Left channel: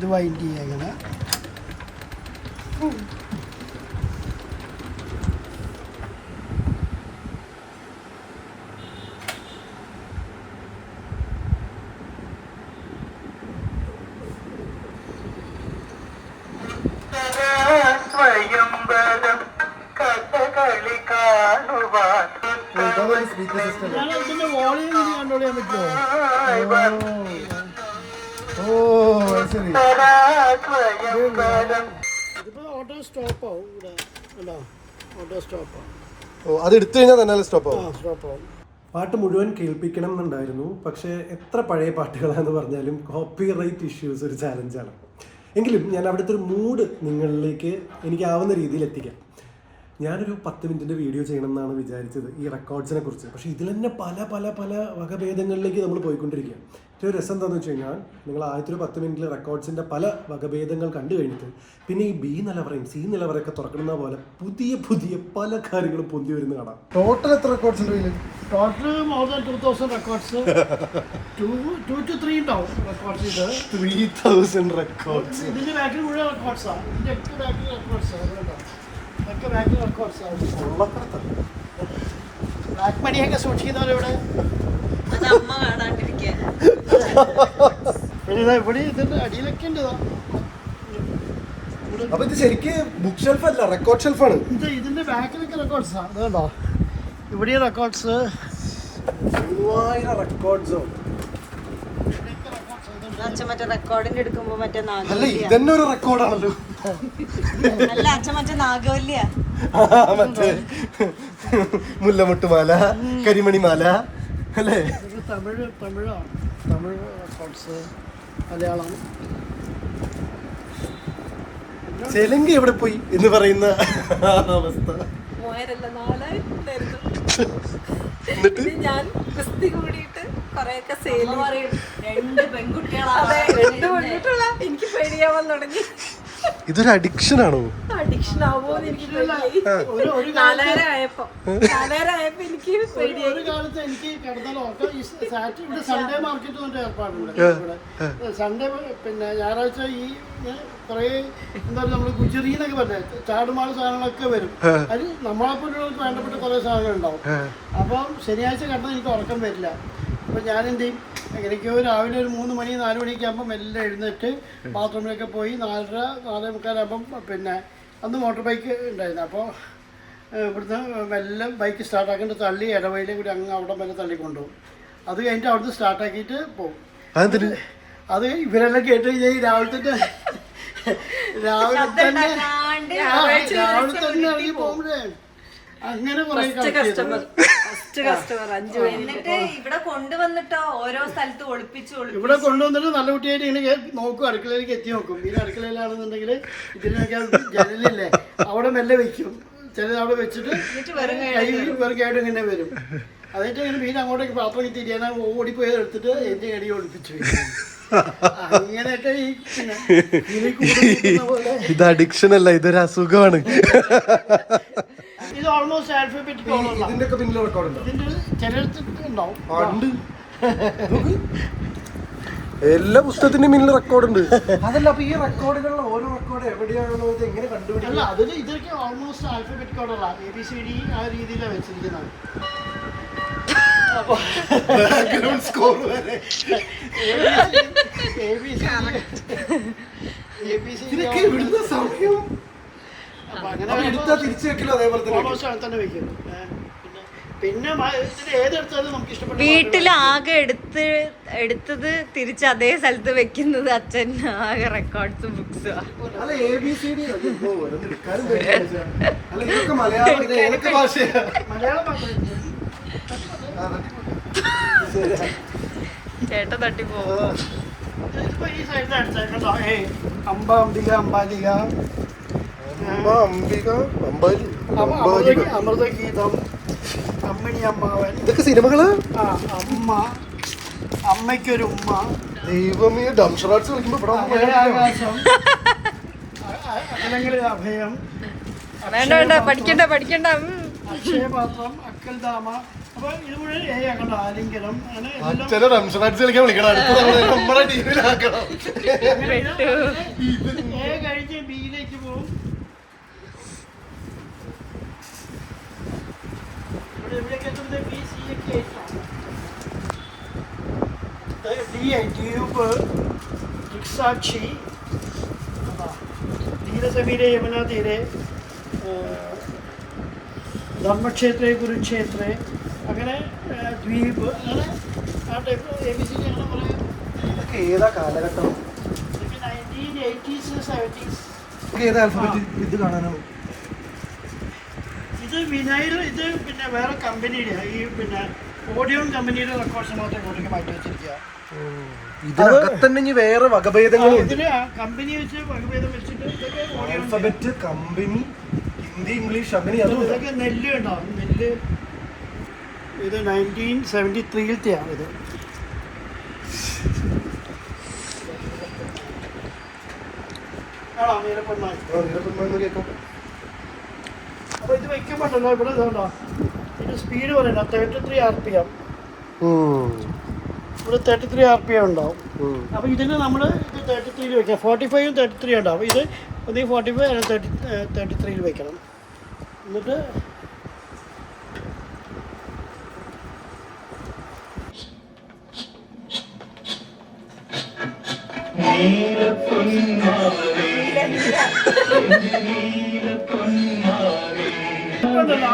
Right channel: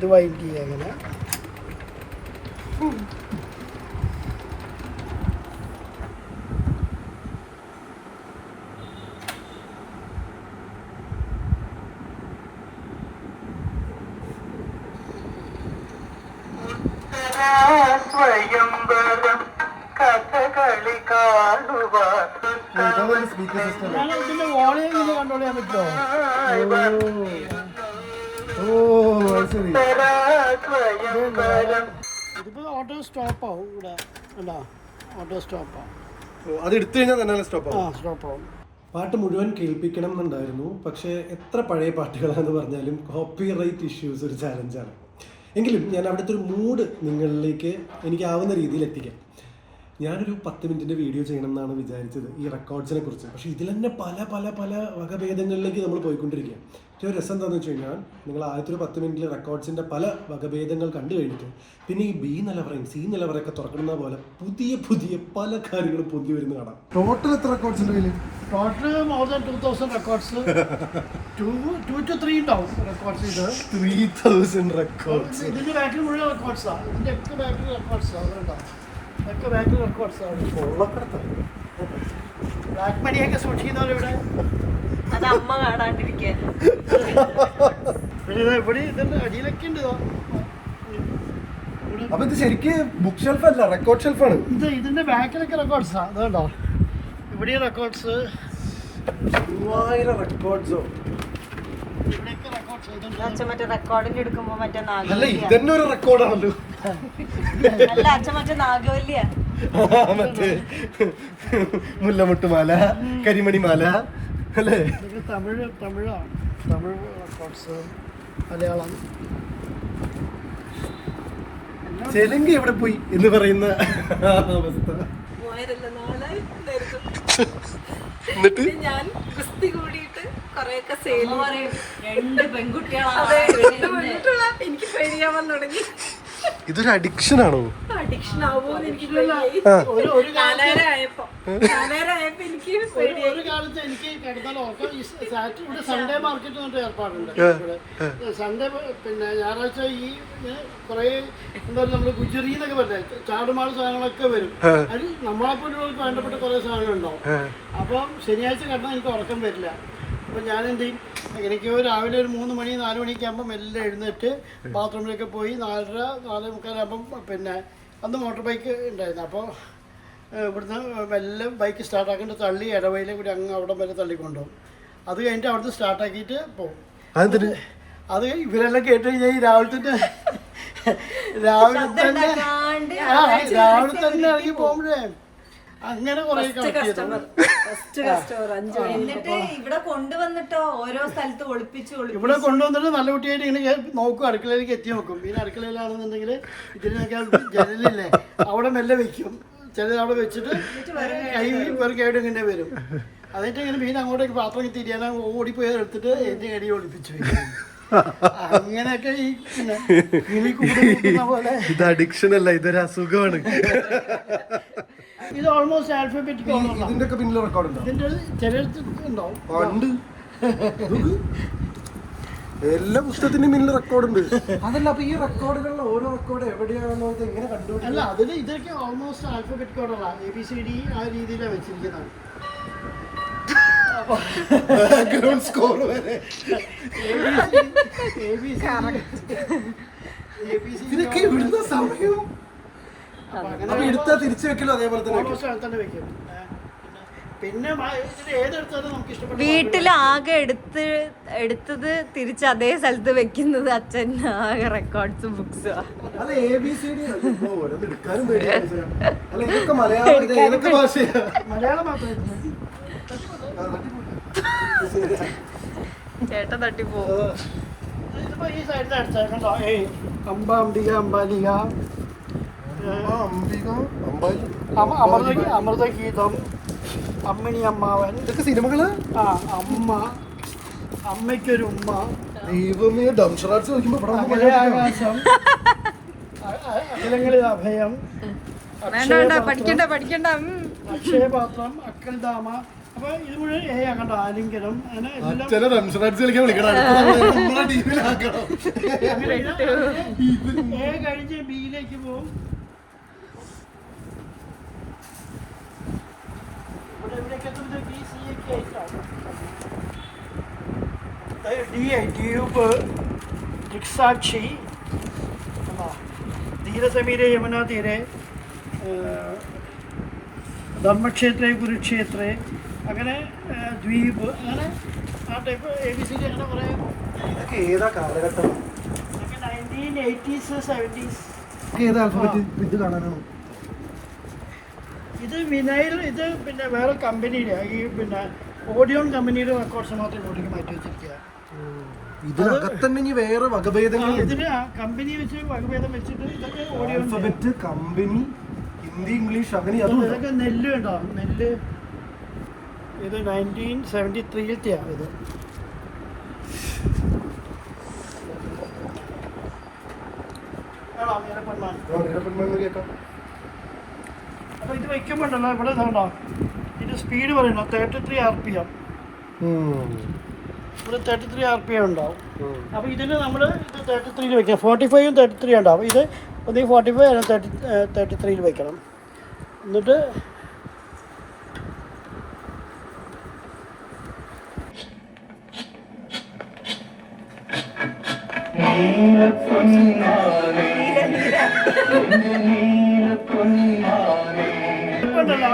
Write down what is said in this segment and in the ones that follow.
ഇത് വൈൻഡ് ചെയ്യുക അങ്ങനെ. ഇതിന്റെ വോളിയം കൺട്രോൾ ചെയ്യാൻ പറ്റുമോ? ഓട്ടോ സ്റ്റോപ്പ് ആവും ഇവിടെ. ഓട്ടോ സ്റ്റോപ്പ് ആവും. അത് എടുത്തു കഴിഞ്ഞാൽ തന്നെ സ്റ്റോപ്പ് ആവും. പാട്ട് മുഴുവൻ കേൾപ്പിക്കണം എന്നുണ്ടായിരുന്നു. പക്ഷേ എത്ര പഴയ പാട്ടുകളാണെന്ന് പറഞ്ഞാലും കോപ്പിറൈറ്റ് ഇഷ്യൂസ് ഒരു ചാലഞ്ചാണ്. എങ്കിലും ഞാൻ അവിടുത്തെ ഒരു മൂഡ് നിങ്ങളിലേക്ക് എനിക്കാവുന്ന രീതിയിൽ എത്തിക്കാം. ഞാനൊരു 10 മിനിറ്റിൻ്റെ വീഡിയോ ചെയ്യണം എന്നാണ് വിചാരിച്ചത് ഈ റെക്കോർഡ്സിനെ കുറിച്ച്. പക്ഷേ ഇതിൽ തന്നെ പല പല പല വകഭേദങ്ങളിലേക്ക് നമ്മൾ പോയിക്കൊണ്ടിരിക്കുക. ഏറ്റവും രസം എന്താണെന്ന് വെച്ച് കഴിഞ്ഞാൽ നിങ്ങൾ ആദ്യത്തെ ഒരു 10 മിനിറ്റിൽ റെക്കോർഡ്സിൻ്റെ പല വകഭേദങ്ങൾ കണ്ടു കഴിഞ്ഞിട്ട് പിന്നെ ഈ ബി നിലവറയും സി നിലവറയൊക്കെ തുറക്കുന്ന പോലെ പുതിയ പുതിയ പല കാര്യങ്ങളും പൊന്തി വരുന്ന കാണാം. ടോട്ടൽ എത്ര റെക്കോർഡ്സ് ഉണ്ട്? Total more than 2000 records. 2 to 3 ഉണ്ടാവും റെക്കോർഡ്സ്. ഇത് 3000 റെക്കോർഡ്സ്. ഇതിന്റെ ബാക്കിൽ മുഴുവൻ റെക്കോർഡ്സാണ്. ഇതിന്റെ ഒക്കെ ബാക്കിൽ റെക്കോർഡ്സാണ്. ഒക്കെ ബാക്കിൽ റെക്കോർഡ്സാണ്. ബ്ലാക്ക് മണിയൊക്കെ സൂക്ഷിക്കുന്നവരെ ഇവിടെ അത് അമ്മ കാണാണ്ടിരിക്കാൻ. ഇവിടെ ഇതിന്റെ അടിയിലൊക്കെ ഉണ്ട്. അപ്പൊ ഇത് ശരിക്കും ബുക്ക് ഷെൽഫ് അല്ല, റെക്കോർഡ് ഷെൽഫാണ്. ഇതിന്റെ ബാക്കിലൊക്കെ റെക്കോർഡ്സാ. അതുകൊണ്ടോ ഇവിടെ റെക്കോർഡ്സ് 3000 റെക്കോർഡ്സോ. അച്ഛൻ മറ്റേ റെക്കോർഡിന്റെ എടുക്കുമ്പോ മറ്റേ നാഗവല്യ. ഇതന്നെ ഒരു റെക്കോർഡാണല്ലോ. അല്ല അച്ഛൻ മറ്റേ നാഗവല്യ, മറ്റേ മുല്ലമുട്ടുമാല, കരിമണിമാല അല്ലേ? തമിഴ് റെക്കോർഡ്സ്, മലയാളം. ചെലങ്കി എവിടെ പോയി എന്ന് പറയുന്ന അവസ്ഥ. എന്നിട്ട് ഞാൻ കുസ്തി കൂടിയിട്ട് കൊറേയൊക്കെ സെയിൽ പറയും. 2 പെൺകുട്ടികളാണ്. എനിക്ക് പേടിയാവാൻ തുടങ്ങി. ഇതൊരു അഡിക്ഷൻ ആണോ? അഡിക്ഷൻ ആവുമോന്ന് എനിക്ക് പേടിയായി. ഒരു കാലത്ത് എനിക്ക് കിടന്നാൽ ഉറക്കം. ഇവിടെ സൺഡേ മാർക്കറ്റ് കൊണ്ട് ഏർപ്പാടുണ്ട്. സൺഡേ പിന്നെ ഞായറാഴ്ച ഈ കുറെ എന്താ പറയുക, നമ്മള് ഗുജറി എന്നൊക്കെ പറഞ്ഞാൽ ചാടുമാട് സാധനങ്ങളൊക്കെ വരും. അത് നമ്മളെപ്പോലുള്ളവർക്ക് വേണ്ടപ്പെട്ട കുറെ സാധനങ്ങൾ ഉണ്ടാവും. അപ്പം ശനിയാഴ്ച കിടന്നാൽ എനിക്ക് ഉറക്കം വരില്ല. അപ്പം ഞാൻ എന്ത് ചെയ്യും, എനിക്കോ രാവിലെ ഒരു 3 മണി 4 മണിയൊക്കെ ആകുമ്പം എല്ലാം എഴുന്നേറ്റ് ബാത്റൂമിലൊക്കെ പോയി 4:30 4:45 പിന്നെ അന്ന് മോട്ടോർ ബൈക്ക് ഉണ്ടായിരുന്നു. അപ്പോൾ ഇവിടുന്ന് എല്ലാം ബൈക്ക് സ്റ്റാർട്ടാക്കിയിട്ട് തള്ളി ഇടവയിലും കൂടി അങ്ങ് അവിടെ വരെ തള്ളിക്കൊണ്ടുപോകും. അത് കഴിഞ്ഞിട്ട് അവിടുന്ന് സ്റ്റാർട്ടാക്കിയിട്ട് പോകും. അത് ഇവരെല്ലാം കേട്ട് രാവിലെ തന്നെ ഇറങ്ങി പോകുമ്പോഴേ അങ്ങനെ കുറെ എന്നിട്ട് ഇവിടെ കൊണ്ടുവന്നിട്ടോ ഓരോ സ്ഥലത്ത് ഒളിപ്പിച്ച് ഇവിടെ കൊണ്ടുവന്നിട്ട് നല്ല കുട്ടിയായിട്ട് ഇങ്ങനെ നോക്കും, അടുക്കളയിലേക്ക് എത്തി നോക്കും. പിന്നെ അടുക്കളയിലാണെന്നുണ്ടെങ്കിൽ ഇതിനൊക്കെ ജനലില്ലേ അവിടെ മെല്ലെ വെക്കും. ചിലത് അവിടെ വെച്ചിട്ട് വെറുതെ ഇങ്ങനെ വരും. അതിട്ട് ഇങ്ങനെ മീൻ അങ്ങോട്ടേക്ക് പാത്രം തിരിയാൻ ഓടിപ്പോയത് എടുത്തിട്ട് എന്റെ കടി ഒളിപ്പിച്ചു വെക്കും. അങ്ങനെയൊക്കെ ഇത് അഡിക്ഷൻ അല്ല, ഇതൊരു അസുഖമാണ്. ഇത് ഓൾമോസ്റ്റ് ആൽഫബറ്റിക്. ഇതിന്റെ ഒക്കെ പിന്നിൽ റെക്കോർഡ് ഉണ്ടോ? ഇതിന്റെ ചിലർക്ക് ഉണ്ടാവും. എല്ലാ പുസ്തകത്തിന്റെയും പിന്നിൽ റെക്കോർഡ് ഉണ്ട്. അതല്ല, അപ്പൊ ഈ റെക്കോർഡുകളിൽ ഓരോ റെക്കോർഡ് എവിടെയാണോ ഇത് എങ്ങനെ കണ്ടുപിടിക്കില്ല? അതിൽ ഇതൊക്കെ ഓൾമോസ്റ്റ് ആൽഫബറ്റിക് കോഡല്ല, ABCD ആ രീതിയിലാണ് വെച്ചിരിക്കുന്നത്. ബാക്ക്ഗ്രൗണ്ട് സ്കോർ വരെ ഇതിനൊക്കെ ഇവിടുന്ന സമയം എടുത്താൽ തിരിച്ചു വെക്കലോ അതേപോലെ തന്നെ വെക്കും. പിന്നെ ഏതെടുത്താലും നമുക്ക് ഇഷ്ടപ്പെട്ട വീട്ടിലാകെ എടുത്തത് തിരിച്ച് അതേ സ്ഥലത്ത് വെക്കുന്നത് അച്ഛൻ ആകെ റെക്കോർഡ്സും ബുക്സും. മലയാളം മാത്രമേ ചേട്ടൻ തട്ടിപ്പോകും. ഇതിപ്പോ ഈ സൈഡിൽ അടിച്ചേക്കണ്ടോ? അംബിക, അംബാലിക, അമൃതഗീതം, അമ്മിണി അമ്മാവൻ, ഇതൊക്കെ സിനിമകള്. അമ്മ, അമ്മയ്ക്കൊരു ഉമ്മ, ദൈവമേ, ഡംഷറാട്സ് കളിക്കുമ്പോ ആകാശം, അഖിലങ്ങളിൽ അഭയം, വേണ്ട പഠിക്കണ്ട. അക്ഷയപാത്രം, അക്കൽദാമ. അപ്പൊ ഇത് മുഴുവൻ എ ആക്കണ്ട, ആലിംഗനം അങ്ങനെ എല്ലാം ചില റംസ് മാച്ച് കളിക്കാൻ വിളിക്കണം, അടുത്ത നമ്മളെ ടീമിലാക്കണം. എ കഴിഞ്ഞ് ബിയിലേക്ക് പോകും. ഇവിടെയൊക്കെ എത്തുന്നത് ബി സി ഒക്കെ ആയിട്ടാണ്. ദ്വീപ്, ദിക്സാക്ഷി, ധീരസമീരെ, യമുനാ തീരെ, ധർമ്മക്ഷേത്രേ, കുരുക്ഷേത്രേ, അങ്ങനെ ദ്വീപ്, അങ്ങനെ ആ ടൈപ്പ് ABC അങ്ങനെ കുറേ. ഇതൊക്കെ ഏതാ കാലഘട്ടം? ഇതൊക്കെ 1980s 70s. ഏത് ആൽഫബറ്റ് ഇത് കാണാനാണ്? ഇത് വിനൈൽ, ഇത് പിന്നെ വേറെ കമ്പനിയുടെ ഈ പിന്നെ ഓഡിയോൺ കമ്പനിയുടെ റെക്കോർഡ്സ് മാത്രമേ ഇങ്ങോട്ടേക്ക് മാറ്റി വെച്ചിരിക്കുക. ഇതിനകത്ത് തന്നെ ഇനി വേറെ വകഭേദങ്ങൾ. ഇതിന് കമ്പനി വെച്ച് വകഭേദം വെച്ചിട്ട് ഇതൊക്കെ audio alphabet, company, Hindi, English, അങ്ങനെ അതും ഇതൊക്കെ നെല്ല് ഉണ്ടാവും. നെല്ല് ഇത് 1973-ത്തെയാണ് ഇത്. ആണോ നീലപ്പെണ്ണായി? കേൾക്കാം. അപ്പോൾ ഇത് വയ്ക്കുമ്പോണ്ടല്ലോ ഇവിടെ ഇതുണ്ടോ, ഇത് സ്പീഡ് പറയണോ 33 RPM. ഇവിടെ 33 RPM ഉണ്ടാവും. അപ്പോൾ ഇതിന് നമ്മൾ ഇത് 33-ൽ വെക്കാം. 45-ഉം 33 ഉണ്ടാവും. ഇത് ഒന്നീ 45 അല്ലെങ്കിൽ 33-ൽ വെക്കണം. എന്നിട്ട് ഇപ്പോണ്ടല്ലോ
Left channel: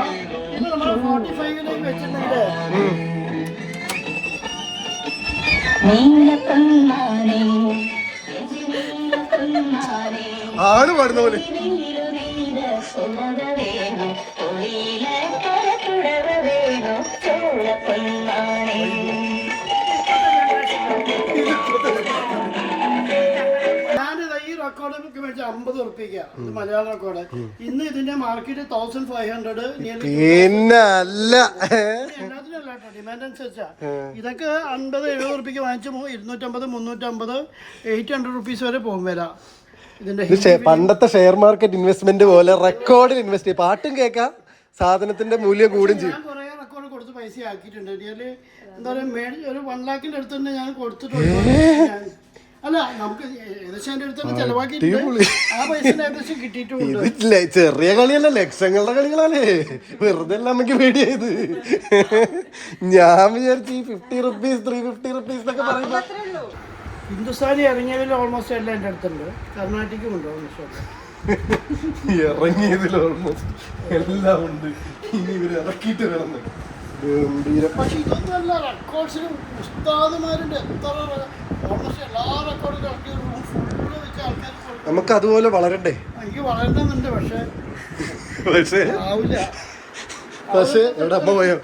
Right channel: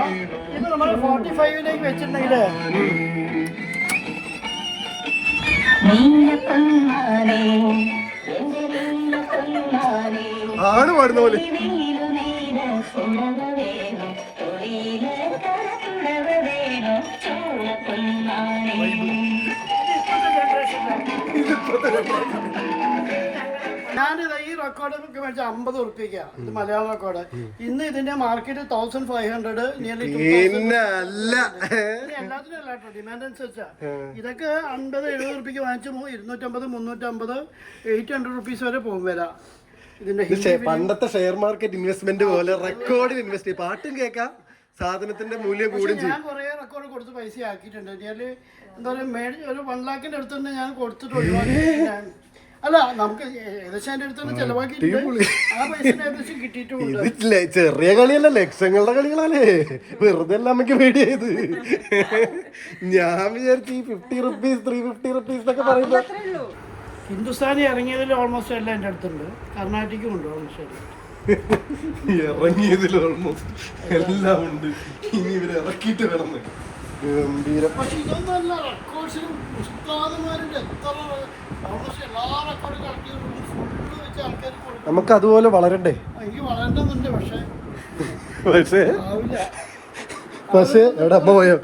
ഇത് നമ്മൾ 45-ലേക്ക് വെച്ചിട്ടുണ്ടെങ്കിൽ ആണ് പാടുന്ന പോലെ. ഞാനിത് ഈ റെക്കോർഡൊക്കെ മേടിച്ച 50 ഉറുപ്പിക. ഇത് മലയാളം റെക്കോർഡ്. ഇന്ന് ഇതിന്റെ മാർക്കറ്റ് 1500, പിന്നെ അല്ല എല്ലാത്തിനും അല്ല കേട്ടോ, ഡിമാൻഡ് അനുസരിച്ചാ. ഇതൊക്കെ 50-70 ഉറുപ്പിക്ക് വാങ്ങിച്ച് 250, 350, 800 റുപ്പീസ് വരെ പോകും വരാം. ഇതിന്റെ പണ്ടത്തെ ഷെയർ മാർക്കറ്റ് ഇൻവെസ്റ്റ്മെന്റ് പോലെ റെക്കോർഡിൽ ഇൻവെസ്റ്റ് ചെയ്യും. പാട്ടും കേൾക്കാം, സാധനത്തിന്റെ മൂല്യം കൂടും ചെയ്യും. ഞാൻ കുറെ റെക്കോർഡ് കൊടുത്ത് പൈസ ആക്കിയിട്ടുണ്ട്. ഞാൻ എന്താ പറയുക, ഒരു 1 ലാഖിന്റെ അടുത്ത് തന്നെ ഞാൻ കൊടുത്തിട്ടുണ്ട്. അല്ല, നമുക്ക് ഏകദേശം അതിന്റെ അടുത്ത് ചെലവാക്കിയിട്ടുണ്ട്. ആ പൈസ ഏകദേശം കിട്ടിയിട്ടുണ്ട്. ഇതില്ലേ ചെറിയ കളിയല്ല, ലക്ഷങ്ങളുടെ കളികളല്ലേ. വെറുതെ അല്ല നമുക്ക് പേടിയായത്. ഞാൻ വിചാരിച്ചു ഈ 50 റുപ്പീസ് 350 റുപ്പീസ് എന്നൊക്കെ പറയുമ്പോ ഹിന്ദുസ്ഥാനി ഇറങ്ങിയതിൽ ഓൾമോസ്റ്റ് എല്ലാം എൻ്റെ അടുത്തുണ്ട്. കർണാട്ടിക്കും ഉണ്ട് ഓൾമോസ്റ്റ്. ഇറങ്ങിയതിൽ ഓൾമോസ്റ്റ് എല്ലാം ഉണ്ട്. ഇനി ഇവര് ഇറക്കിയിട്ട് കിടന്ന് ഗംഭീരം. പക്ഷെ ഇതൊന്നും അല്ല, റെക്കോർഡ്സിലും ഉസ്താദുമാരുണ്ട്. എത്ര ഓൾമോസ്റ്റ് എല്ലാ റെക്കോർഡും ഇറക്കി ഫുള്ള് വെച്ച് ആൾക്കാർ കൊടുക്കും. നമുക്ക് അതുപോലെ വളരണ്ടേ? എനിക്ക് വളരണമെന്നുണ്ട്, പക്ഷെ ആവില്ല. പക്ഷേ എവിടെ അമ്മ പോയോ?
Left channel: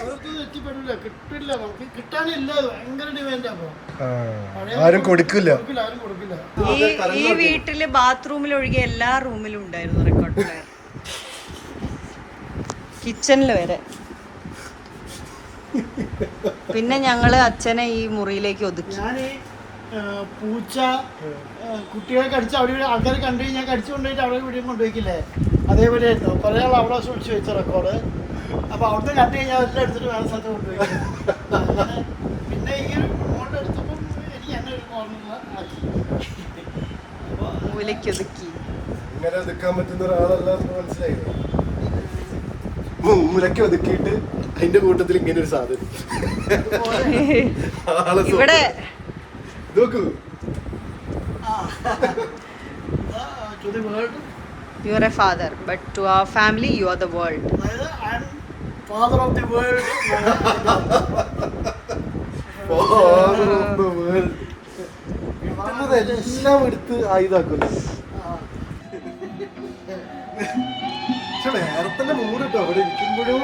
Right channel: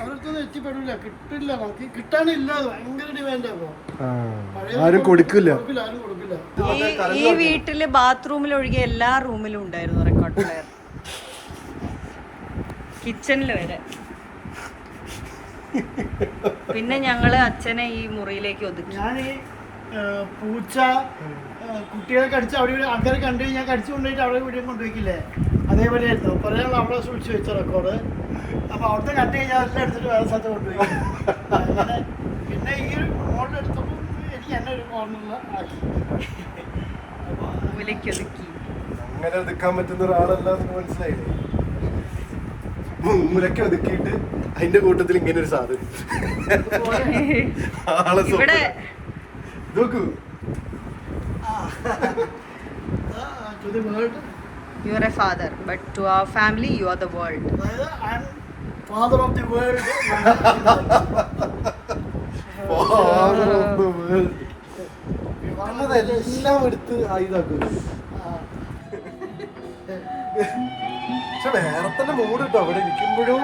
അവർക്കൊന്നും എത്തിപ്പെടില്ല, കിട്ടില്ല. നമുക്ക് കിട്ടാനില്ല, ഭയങ്കര ഡിമാൻഡ്. അപ്പൊ ആരും കൊടുക്കില്ല. ആരും കൊടുക്കില്ല. ഈ വീട്ടില് ബാത്റൂമിൽ ഒഴികെ എല്ലാ റൂമിലും ഉണ്ടായിരുന്നു റെക്കോർഡ് പ്ലെയർ, കിച്ചണിൽ വരെ. പിന്നെ ഞങ്ങള് അച്ഛനെ ഈ മുറിയിലേക്ക് ഒതുക്കി. ഞാൻ പൂച്ച കുട്ടികളെ കടിച്ച് അവിടെ ഇവിടെ ആൾക്കാർ കണ്ടു കഴിഞ്ഞാൽ കടിച്ചു കൊണ്ടുപോയിട്ട് അവിടെ ഇവിടെ കൊണ്ടുപോയിക്കില്ലേ, അതേപോലെ ആയിരുന്നു. കുറേ ആൾ അവിടെ സൂക്ഷിച്ച് വെച്ച റെക്കോർഡ്. അപ്പോൾ അവിടുത്തെ കണ്ടു കഴിഞ്ഞാൽ അതെല്ലാം എടുത്തിട്ട് വേറെ സ്ഥലത്ത് കൊണ്ടുപോയി. അങ്ങനെ പിന്നെ ഈ ഒരു മോളിൽ എടുത്തപ്പോൾ എനിക്ക് എന്നെ ഒരു കോർണറിൽ ആക്കി. മൂലയ്ക്ക് ഒതുക്കി. അങ്ങനെ ഒതുക്കാൻ പറ്റുന്ന ഒരാളല്ല, മനസ്സിലായില്ലേ? മൂലയ്ക്ക് ഒതുക്കിയിട്ട് അതിന്റെ കൂട്ടത്തിൽ ഇങ്ങനെ ഒരു സാധനം ആളെ ഇവിടെ നോക്കൂ. To the world. You are a father, but to our family you are the world. അതായത് I am father of the world. എല്ലാം എടുത്ത് ആയുധാക്കുന്നു. പക്ഷെ വേറെ തന്നെ മൂഡ് കിട്ടും അവിടെ ഇരിക്കുമ്പോഴും.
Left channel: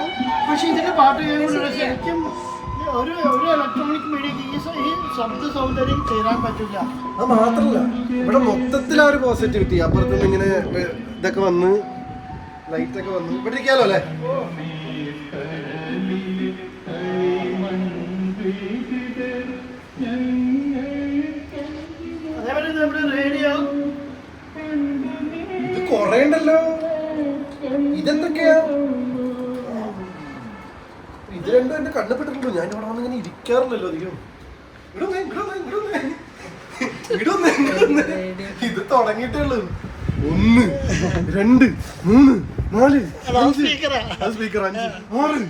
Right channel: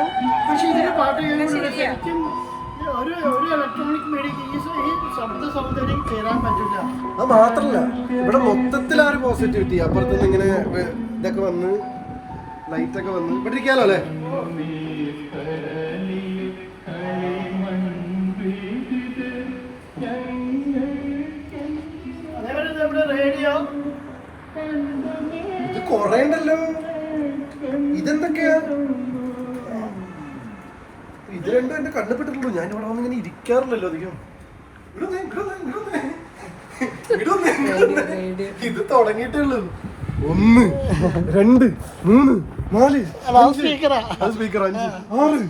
പക്ഷെ ഇതിന്റെ പാട്ട് കേൾക്കുമ്പോൾ ശരിക്കും ഒരു ഇലക്ട്രോണിക് മീഡിയക്ക് ഈ ശബ്ദ സൗന്ദര്യം ചേരാൻ പറ്റില്ല. അത് മാത്രല്ല, ഇവിടെ മൊത്തത്തിൽ ആ ഒരു പോസിറ്റിവിറ്റി. അപ്പുറത്തുനിന്ന് ഇങ്ങനെ ഇതൊക്കെ വന്ന് ലൈറ്റൊക്കെ വന്ന് ഇവിടെ ഇരിക്കാലോ അല്ലേ? അതേപോലെ നമ്മുടെ റേഡിയോ ഇത് കൊറേ ഉണ്ടല്ലോ. ഇതെന്തൊക്കെയാ? ഇത് രണ്ടും എന്റെ കണ്ണുപെട്ടിട്ടുള്ളൂ. ഞാൻ ഇവിടെ വന്ന് ഇങ്ങനെ ഇരിക്കാറില്ലല്ലോ അധികം. ഇത് തുടങ്ങിയിട്ടുള്ളൂ. 1 2 3 4 സ്പീക്കറാ. സ്പീക്കർ 5 6.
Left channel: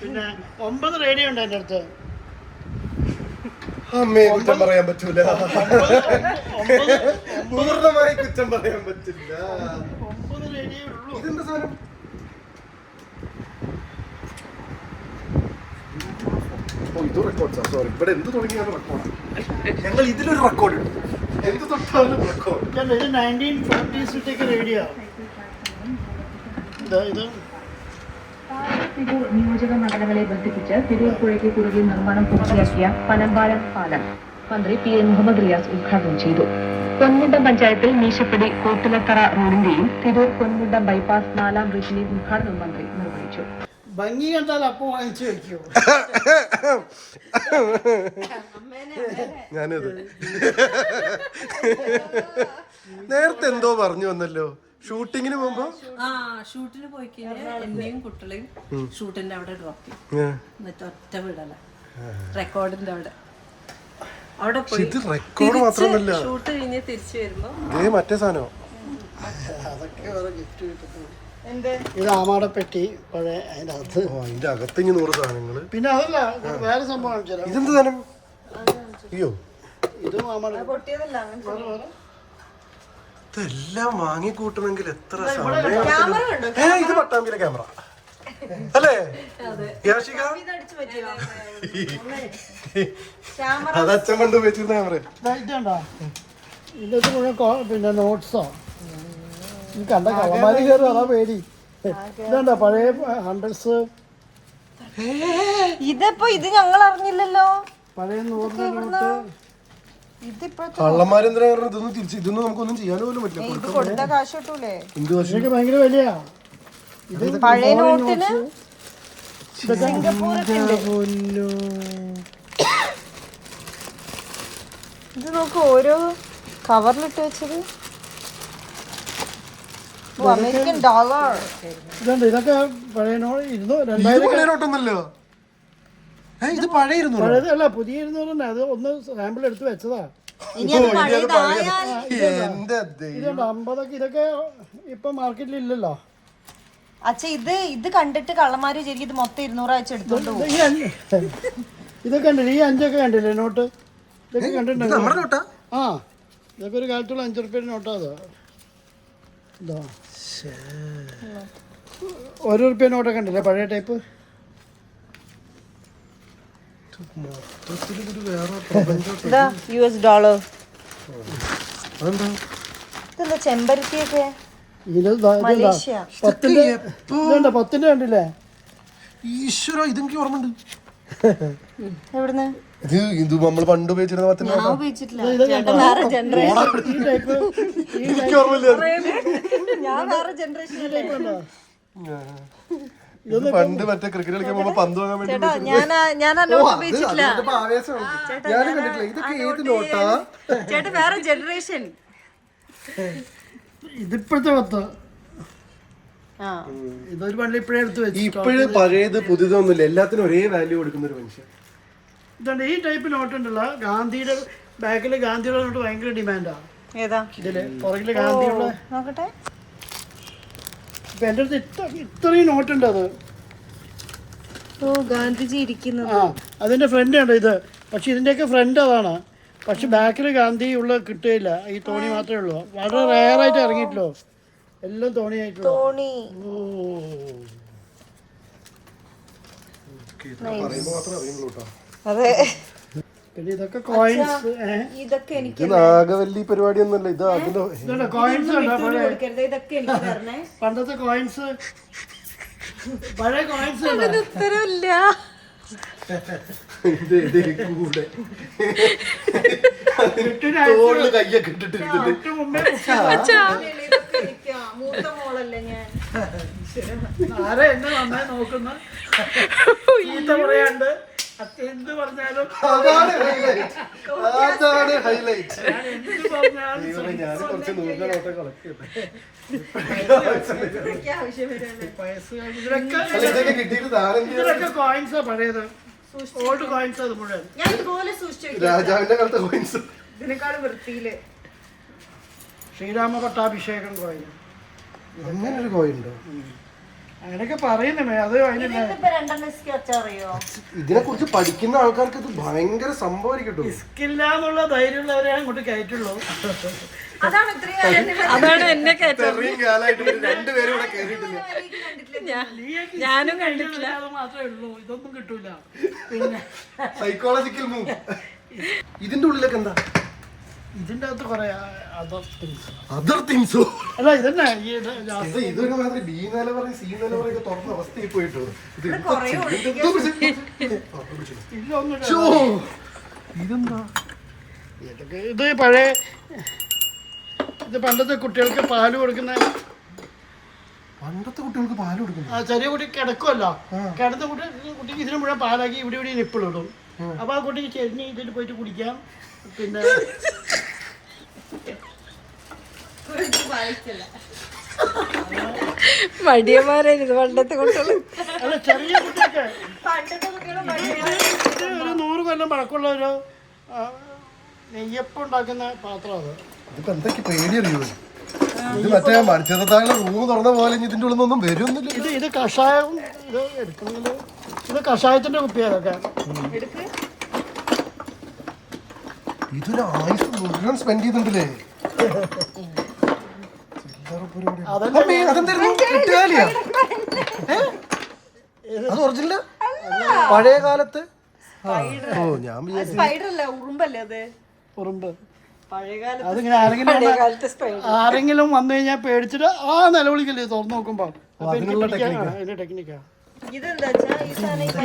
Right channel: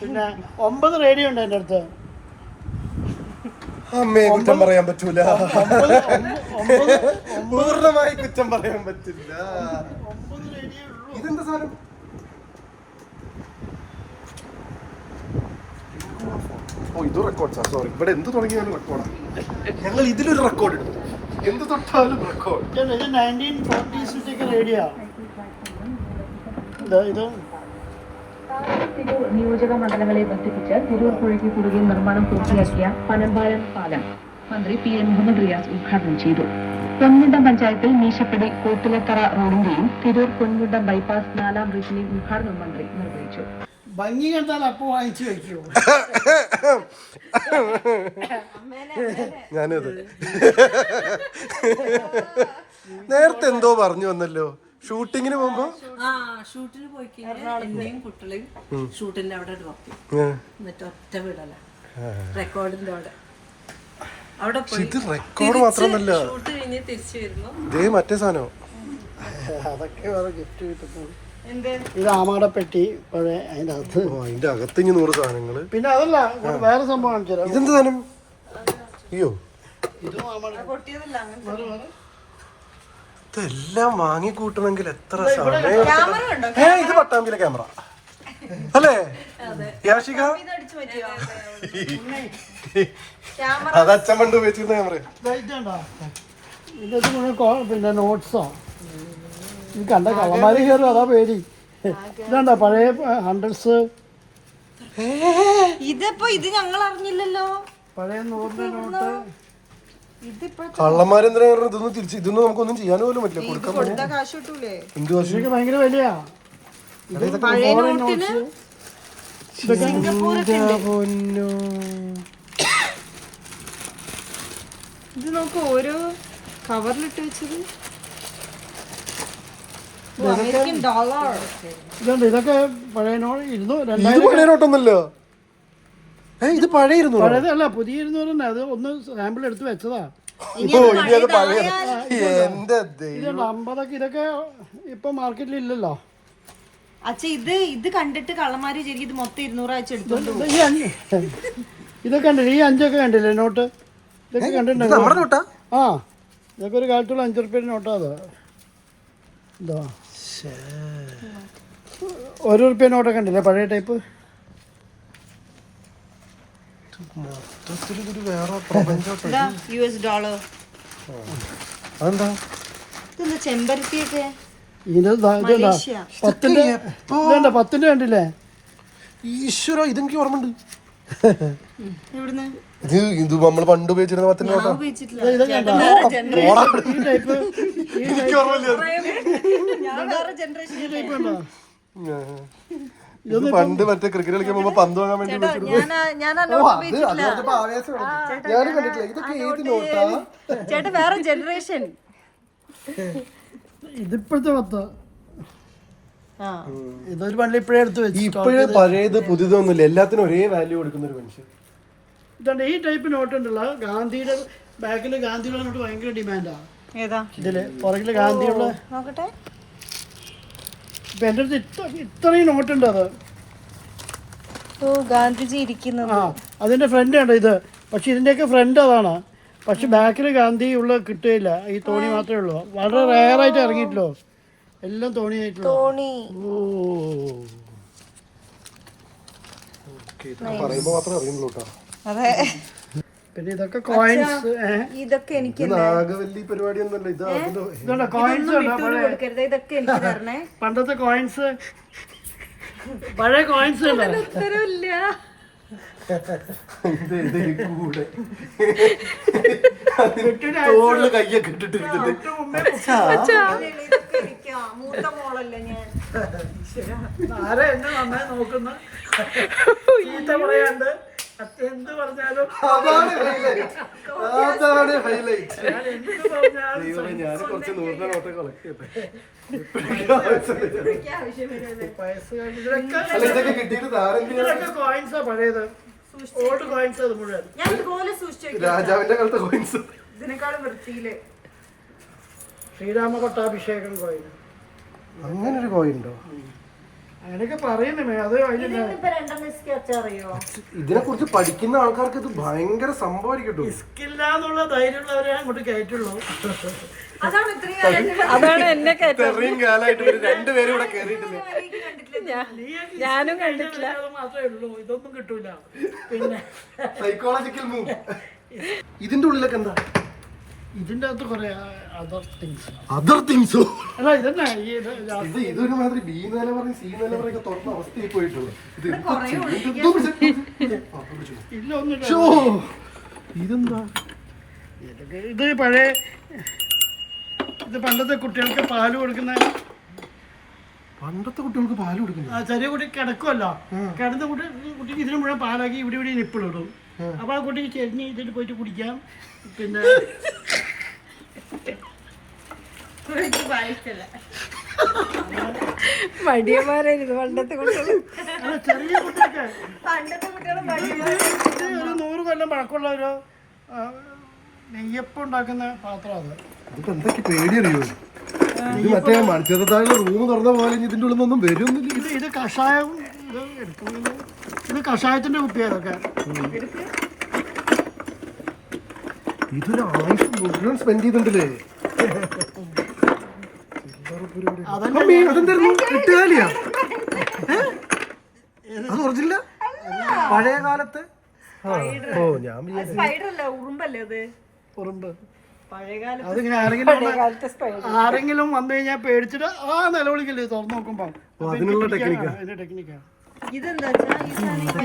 പിന്നെ 9 റേഡിയോ ഉണ്ട് എൻ്റെ അടുത്ത്. അമ്മയെ കുറ്റം പറയാൻ പറ്റൂല. പൂർണ്ണമായി കുറ്റം പറയാൻ പറ്റില്ല. 9 റേഡിയോ ഉള്ളൂ. ഇതെന്താ സാധനം? ഓ ഇത് റെക്കോർഡ്സാ. സോറി, ഇവിടെ എന്ത് തുടങ്ങിയാലും റെക്കോർഡ്. ഞങ്ങൾ ഇതിലൊരു റെക്കോർഡ് ഇടും. എന്ത് തൊട്ടാലും റെക്കോർഡ്. ഇത് 1940s റേഡിയോ. ഇത് തിരൂർ നിയോജക മണ്ഡലങ്ങളെ ബന്ധിപ്പിച്ച് തിരൂർ പുഴയ്ക്ക് കുറുകെ നിർമ്മാണം പൂർത്തിയാക്കിയ പനമ്പാലം പാലം മന്ത്രി PM മുഹമ്മദ് റിയാസ് ഉദ്ഘാടനം ചെയ്തു. പൊൻമുണ്ടം പഞ്ചായത്തിൽ മീശപ്പടി കോട്ടിലത്തറ റോഡിന്റെയും തിരൂർ പൊൻമുണ്ടം ബൈപ്പാസ് 4ാം ബ്രിഡ്ജിന്റെയും ഉദ്ഘാടനം മന്ത്രി നിർവഹിച്ചു. ഭംഗി കണ്ടാൽ അപ്പോൾ വാങ്ങിച്ചു വെക്കുമോ? ഞാനത് നേരത്തെ എന്തോ പറഞ്ഞു വന്നല്ലോ. ഷൂട്ടിങ്ങിന് പോകുമ്പോ ഷൂട്ടിന് പോയി കഴിഞ്ഞാൽ എന്നെയും കുട്ടികളെയും ഷൂട്ടിന്റെ അവിടെ ഡ്രോപ്പ് ചെയ്യും. എന്നിട്ട് ഒറ്റ വിടല റെക്കോർഡിന്റെ അവിടെ പോയി ഇത് റെക്കോർഡ് മാത്രമല്ല, ഷൂട്ട് കഴിഞ്ഞ് തിരിച്ചു വരുമ്പോ ഇതേ മറ്റേ സാധനോ. അതൊക്കെ വേറെ ഗിഫ്റ്റ് കിട്ടുന്നത്. ഇത് ആമാടപ്പെട്ടി പഴയ അതിൻ്റെ അകത്ത്. ഓ അതിന്റെ അകത്ത് 100 സാധനങ്ങള്. പിന്നെ അതല്ല വേറെ സംഭവം കാണിച്ചു തരാം. ഇതെന്ത് സാധനം? അയ്യോ ഇതും ആമാട പൊട്ടിയതല്ല വേറെ വേറെ. ഇതെല്ലാം വാങ്ങിക്കൂട്ടണമെങ്കിൽ എത്ര സമയം. ഇത് പട്ടാമ്പിയിലെ ക്യാമറ അല്ലേ യാഷിക? അത് അച്ഛൻ പണ്ട് ഉപയോഗിച്ചിരുന്ന ക്യാമറ. ഇതുണ്ടോ? ഇതിനകത്ത് മുഴുവൻ പിന്നെ നോട്ട്സോ. ഈ കണ്ട കള്ളന്മാര് കയറും, അതാ പേടി. ഇതുണ്ടോ പഴയ 100s. ഇതിപ്പോ ഇത് ഞങ്ങൾ അറിഞ്ഞില്ലല്ലോ. പഴയ 100 നോട്ട്. കള്ളന്മാരെന്തിനാ ഇതൊന്നും തിരിച്ച് ഇതൊന്നും നമുക്കൊന്നും ചെയ്യാൻ പോലും പറ്റില്ല. കൊടുക്കാൻ കാശ് കിട്ടൂലേ? എന്ത് വർഷം ഇതൊക്കെ ഭയങ്കര വിലയാ. പഴയ നോട്ടിന് ഇത് നോക്ക്, ഓരോ കവറിലിട്ട് വെച്ചത് അമേരിക്കൻ ഡോളർ. ഇതുണ്ട് ഇതൊക്കെ പഴയ നോട്ട്. ഇത് പഴയ നോട്ടൊന്നല്ലോ. ഇത് പഴയ 200. പഴയതല്ല, പുതിയ 200. അത് ഒന്ന് സാമ്പിൾ എടുത്ത് വെച്ചതാ. ഓ ഇനി അത് പഴയ. എന്റെ ഇതുണ്ട് 50. ഇതൊക്കെ ഇപ്പൊ മാർക്കറ്റിൽ ഇല്ലല്ലോ. അച്ഛാ ഇത് കണ്ടിട്ട് കള്ളന്മാര് ശരിക്കും ഇത് മൊത്തം 200 അയച്ചു എടുത്തോണ്ട് പോകും. ഇതൊക്കെ കണ്ടില്ല, ഈ 5 ഒക്കെ കണ്ടില്ലേ നോട്ട്? ഇതൊക്കെ കണ്ടിട്ടുണ്ട്. നമ്മുടെ നോട്ടാ? ആ ഇതൊക്കെ ഒരു കാലത്തുള്ള 5 റുപ്യ നോട്ടാ. അത് ഇതാ 1 റുപ്യ നോട്ടൊക്കെ ഉണ്ടല്ലേ പഴയ ടൈപ്പ്. മൊത്തത്തിലൊരു വേറെ പ്രപഞ്ചോട്ടോ. US dollar. അതെന്താ? ഇതെന്താ ചെമ്പരത്തിയൊക്കെ? ഇതുണ്ടോ 10ന്റെ കണ്ടില്ലേ? ഈശ്വര, ഇതെനിക്ക് ഓർമ്മയുണ്ട്. എവിടുന്ന്? ഇത് നമ്മൾ പണ്ട് ഉപയോഗിച്ചിരുന്ന 10 നോട്ടാ. എനിക്ക് ഓർമ്മയില്ല. ഇത് പണ്ട് മറ്റേ ക്രിക്കറ്റ് കളിക്കാൻ പോകുമ്പോ പന്ത് വാങ്ങാൻ വേണ്ടി ഞാനും കണ്ടിട്ടില്ല. ഇതൊക്കെ ഏത് നോട്ടാ? ചേട്ടാ വേറെ ജനറേഷൻ. ഇതിപ്പോഴത്തെ 10. ഇതൊരു പള്ളി ഇപ്പോഴേ എടുത്ത് വെച്ചു. ഇപ്പോഴേ പഴയത് പുതിയതൊന്നുമില്ല, എല്ലാത്തിനും ഒരേ വാല്യൂ കൊടുക്കുന്ന ഒരു മനുഷ്യൻ. ഇതുണ്ട് ഈ ടൈപ്പ് നോട്ട് ഉണ്ടല്ലോ. ഗാന്ധിയുടെ ബാക്കില് ഗാന്ധിയുടെ നോട്ട് ഭയങ്കര ഡിമാൻഡാ. ഏതാ ഇതില് പുറകില് ഗാന്ധിയുള്ള. നോക്കട്ടെ. ഇപ്പൊ എൻ്റെ അടുത്ത് ഇത്രയും നോട്ടുണ്ട്. അത് ഓ ഗാന്ധിജി ഇരിക്കുന്നത്. ആ അതിന്റെ ഫ്രണ്ട് ഉണ്ട് ഇത്. പക്ഷെ ഇതിന്റെയൊക്കെ ഫ്രണ്ട് അതാണ്. പക്ഷെ ബാക്കിൽ ഗാന്ധി ഉള്ള കിട്ടുകയില്ല. ഈ തോണി മാത്രമേ ഉള്ളൂ. വളരെ റയറായിട്ട് ഇറങ്ങിയിട്ടില്ലോ. എല്ലാം തോണിയായിട്ടുള്ളൂ. തോണി. ഓ പറയുമ്പോ മാത്രമേ അറിയുള്ളൂ കേട്ടോ. അതെ. പിന്നെ ഇതൊക്കെ കോയിൻസ്. ഇതൊക്കെ എനിക്ക് ഇത് നാഗവല്ലി പരിപാടി ഒന്നുമല്ല. ഇത് അതിലോ ഇതുണ്ട് കോയിൻസ്. കൊടുക്കരുത്. ഇതൊക്കെ എനിക്ക് തരണേ. പണ്ടത്തെ കോയിൻസ്, പഴയ കോയിൻസ് ഉണ്ട്. ഉത്തരവില്ല. കൂടെ തോളില് കയ്യൊക്കെ ഇട്ടിട്ടിരുന്നിട്ട് മൂത്ത മോളല്ലേ ഞാൻ. ആരെ എന്നെ നന്നായി നോക്കുന്ന പറയാണ്ട് എന്ത് പറഞ്ഞാലും അതാണ് ഹൈലൈറ്റ്. എന്ത് പറഞ്ഞാലും ഞാൻ കുറച്ച് 100 നോട്ട് കളക്ട് ചെയ്യട്ടെ. ഇതൊക്കെ കിട്ടിയിട്ട് ഇതൊക്കെ കോയിൻസാ പഴയത്, ഓൾഡ് കോയിൻസ്. അത് മുഴുവൻ ഞാൻ ഇതുപോലെ സൂക്ഷിച്ചു രാജാവിന്റെ കാലത്തെ കോയിൻസ്. ഇതിനേക്കാളും വൃത്തിയില്. ശ്രീരാമ പട്ടാഭിഷേകം കോയിൻ, അങ്ങനെ ഒരു കോയിൻ ഉണ്ടോ? അങ്ങനെയൊക്കെ പറയുന്നേ. അത് അതിന് ഇതിനെ കുറിച്ച് പഠിക്കുന്ന ആൾക്കാർക്ക് ഇത് ഭയങ്കര സംഭവമായിരിക്കും. റിസ്കില്ല എന്നുള്ള ധൈര്യമുള്ളവരെ അങ്ങോട്ട് കയറ്റുള്ളൂ. അതാണ് എന്നെ കയറ്റം. ഇത്രയും കാലമായിട്ട് ഇവര് രണ്ടുപേരും ഇവിടെ കയറിയിട്ടില്ല. ഞാനും കണ്ടിട്ടില്ല. അത് മാത്രമേ ഉള്ളൂ, ഇതൊന്നും കിട്ടൂല. പിന്നെ സൈക്കോളജിക്കൽ മൂവ്. ഇതിന്റെ ഉള്ളിലൊക്കെ എന്താ? ഇതിന്റെ അകത്ത് കുറെ അതർ തിങ്സോ? അല്ല ഇതന്നെ ഈ ഇതൊരു മാതിരി ബി നിലവറ സി നിലവറയൊക്കെ തുറന്ന അവസ്ഥയിൽ പോയിട്ടോ. ഇല്ല ഒന്നും. ഇതെന്തോ? ഇത് പഴയ, ഇത് പണ്ടത്തെ കുട്ടികൾക്ക് പാല് കൊടുക്കുന്ന. പണ്ടത്തെ കുട്ടികൾക്ക് പാല് കൊടുക്കുന്നു. ചെറിയ കുട്ടി കിടക്കുമല്ലോ, കിടന്ന കുട്ടിക്ക് ഇതിന് മുഴുവൻ പാലാക്കി ഇവിടെ ഇവിടെ നിപ്പിളിടും. അപ്പൊ ആ കുട്ടിക്ക് ചെരിഞ്ഞ് ഇതിൽ പോയിട്ട് കുടിക്കാം. പിന്നെ മടിയന്മാരായിരുന്നു പണ്ടത്തെ കുട്ടികള്. അല്ല ചെറിയ കുട്ടിയൊക്കെ ഒരു 100 കൊല്ലം പഴക്കമുള്ള ഒരു നെയ്യപ്പം ഉണ്ടാക്കുന്ന പാത്രം. അത് ഇതിപ്പോ എന്തൊക്കെ പേടിയറിയോ? ഇത് മറ്റേ മത്സ്യത്താഴ് റൂം തുറന്ന പോലെ ഇതിന്റെ ഉള്ളിൽ നിന്നൊന്നും വരുന്നില്ല. ഇത് കഷായം, ഇത് കഷായത്തിന്റെ കുപ്പിയതൊക്കെ. ഇതൊരു ആയുസ് മുഴുവൻ സ്പെൻഡ് ചെയ്തിട്ടുണ്ടല്ലേ? അതെന്തായിരുന്നു? കിട്ടുകാലിയാ? അത് ഒറിജിനലാ? പഴയ കാലത്ത്? ഓ ഞാൻ ഉറുമ്പല്ലേ അത്? ഉറുമ്പ്. പഴയകാലത്ത് അതിങ്ങനെ ആരെങ്കിലും വന്നു കഴിഞ്ഞാൽ പേടിച്ചിട്ട് ആ നിലവിളിക്കല്ലേ തുറന്നു നോക്കുമ്പോ. അതിനുള്ള ടെക്നിക്കാ. അതിന്റെ ടെക്നിക്കാ. ഇതെന്താ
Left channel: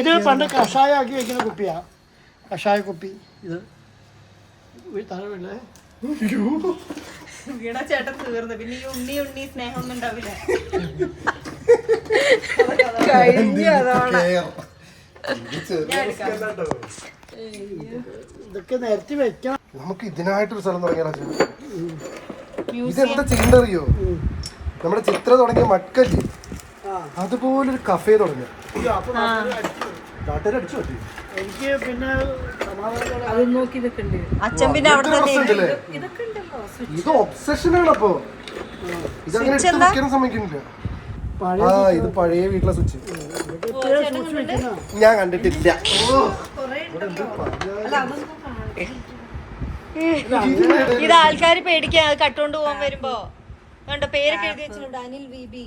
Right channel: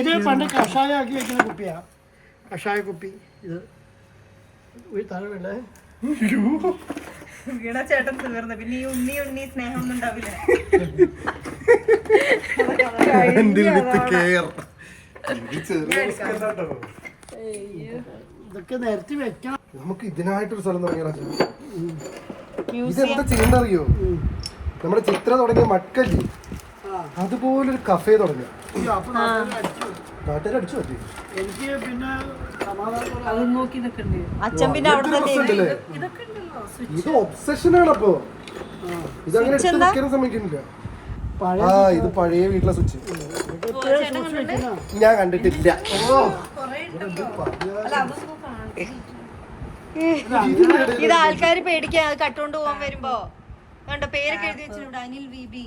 ഇത് പണ്ട് കഷായം ആക്കി വെക്കുന്ന കുപ്പിയാ, കഷായ കുപ്പി. ഇത് തലവില്ലേ ചേട്ടൻ തീർന്നു. പിന്നെ ഈ ഉണ്ണി സ്നേഹം ഒന്നും ഉണ്ടാവില്ല. ഇതൊക്കെ നിരത്തി വെക്കണം. നമുക്ക് ഇതിനായിട്ടൊരു സ്ഥലം തുടങ്ങിയാലോ? ഇതെന്താ ചെയ്യണ്ട അറിയോ? നമ്മുടെ ചിത്രം തുടങ്ങിയ മട്കല്ലേ, അതുപോലൊരു കഫേ തുടങ്ങിയ നാട്ടുകാർ അടിച്ചു പറ്റി. എനിക്ക് പിന്നെ അത് നോക്കി നിൽക്കണ്ടേ? അച്ഛൻ പിന്നെ അവിടെ തന്നെ ഇതൊക്കെ ഉണ്ടല്ലോ. ഇത് ഒബ്സഷനാണ്. അപ്പൊ ഇതങ്ങനെ എടുത്ത് വെക്കാനും സമ്മതിക്കുന്നില്ല. ആ ഇത് പഴയ വീട്ടിലെ സ്വിച്ച് ഞാൻ കണ്ടിട്ടില്ല. ഇത് ആൾക്കാര് പേടിക്കാൻ അത് കട്ടോണ്ട് പോകാൻ വരുമ്പോ കണ്ടോ പേരൊക്കെ എഴുതി വെച്ചിട്ടുണ്ട്, അനിൽ വിബി.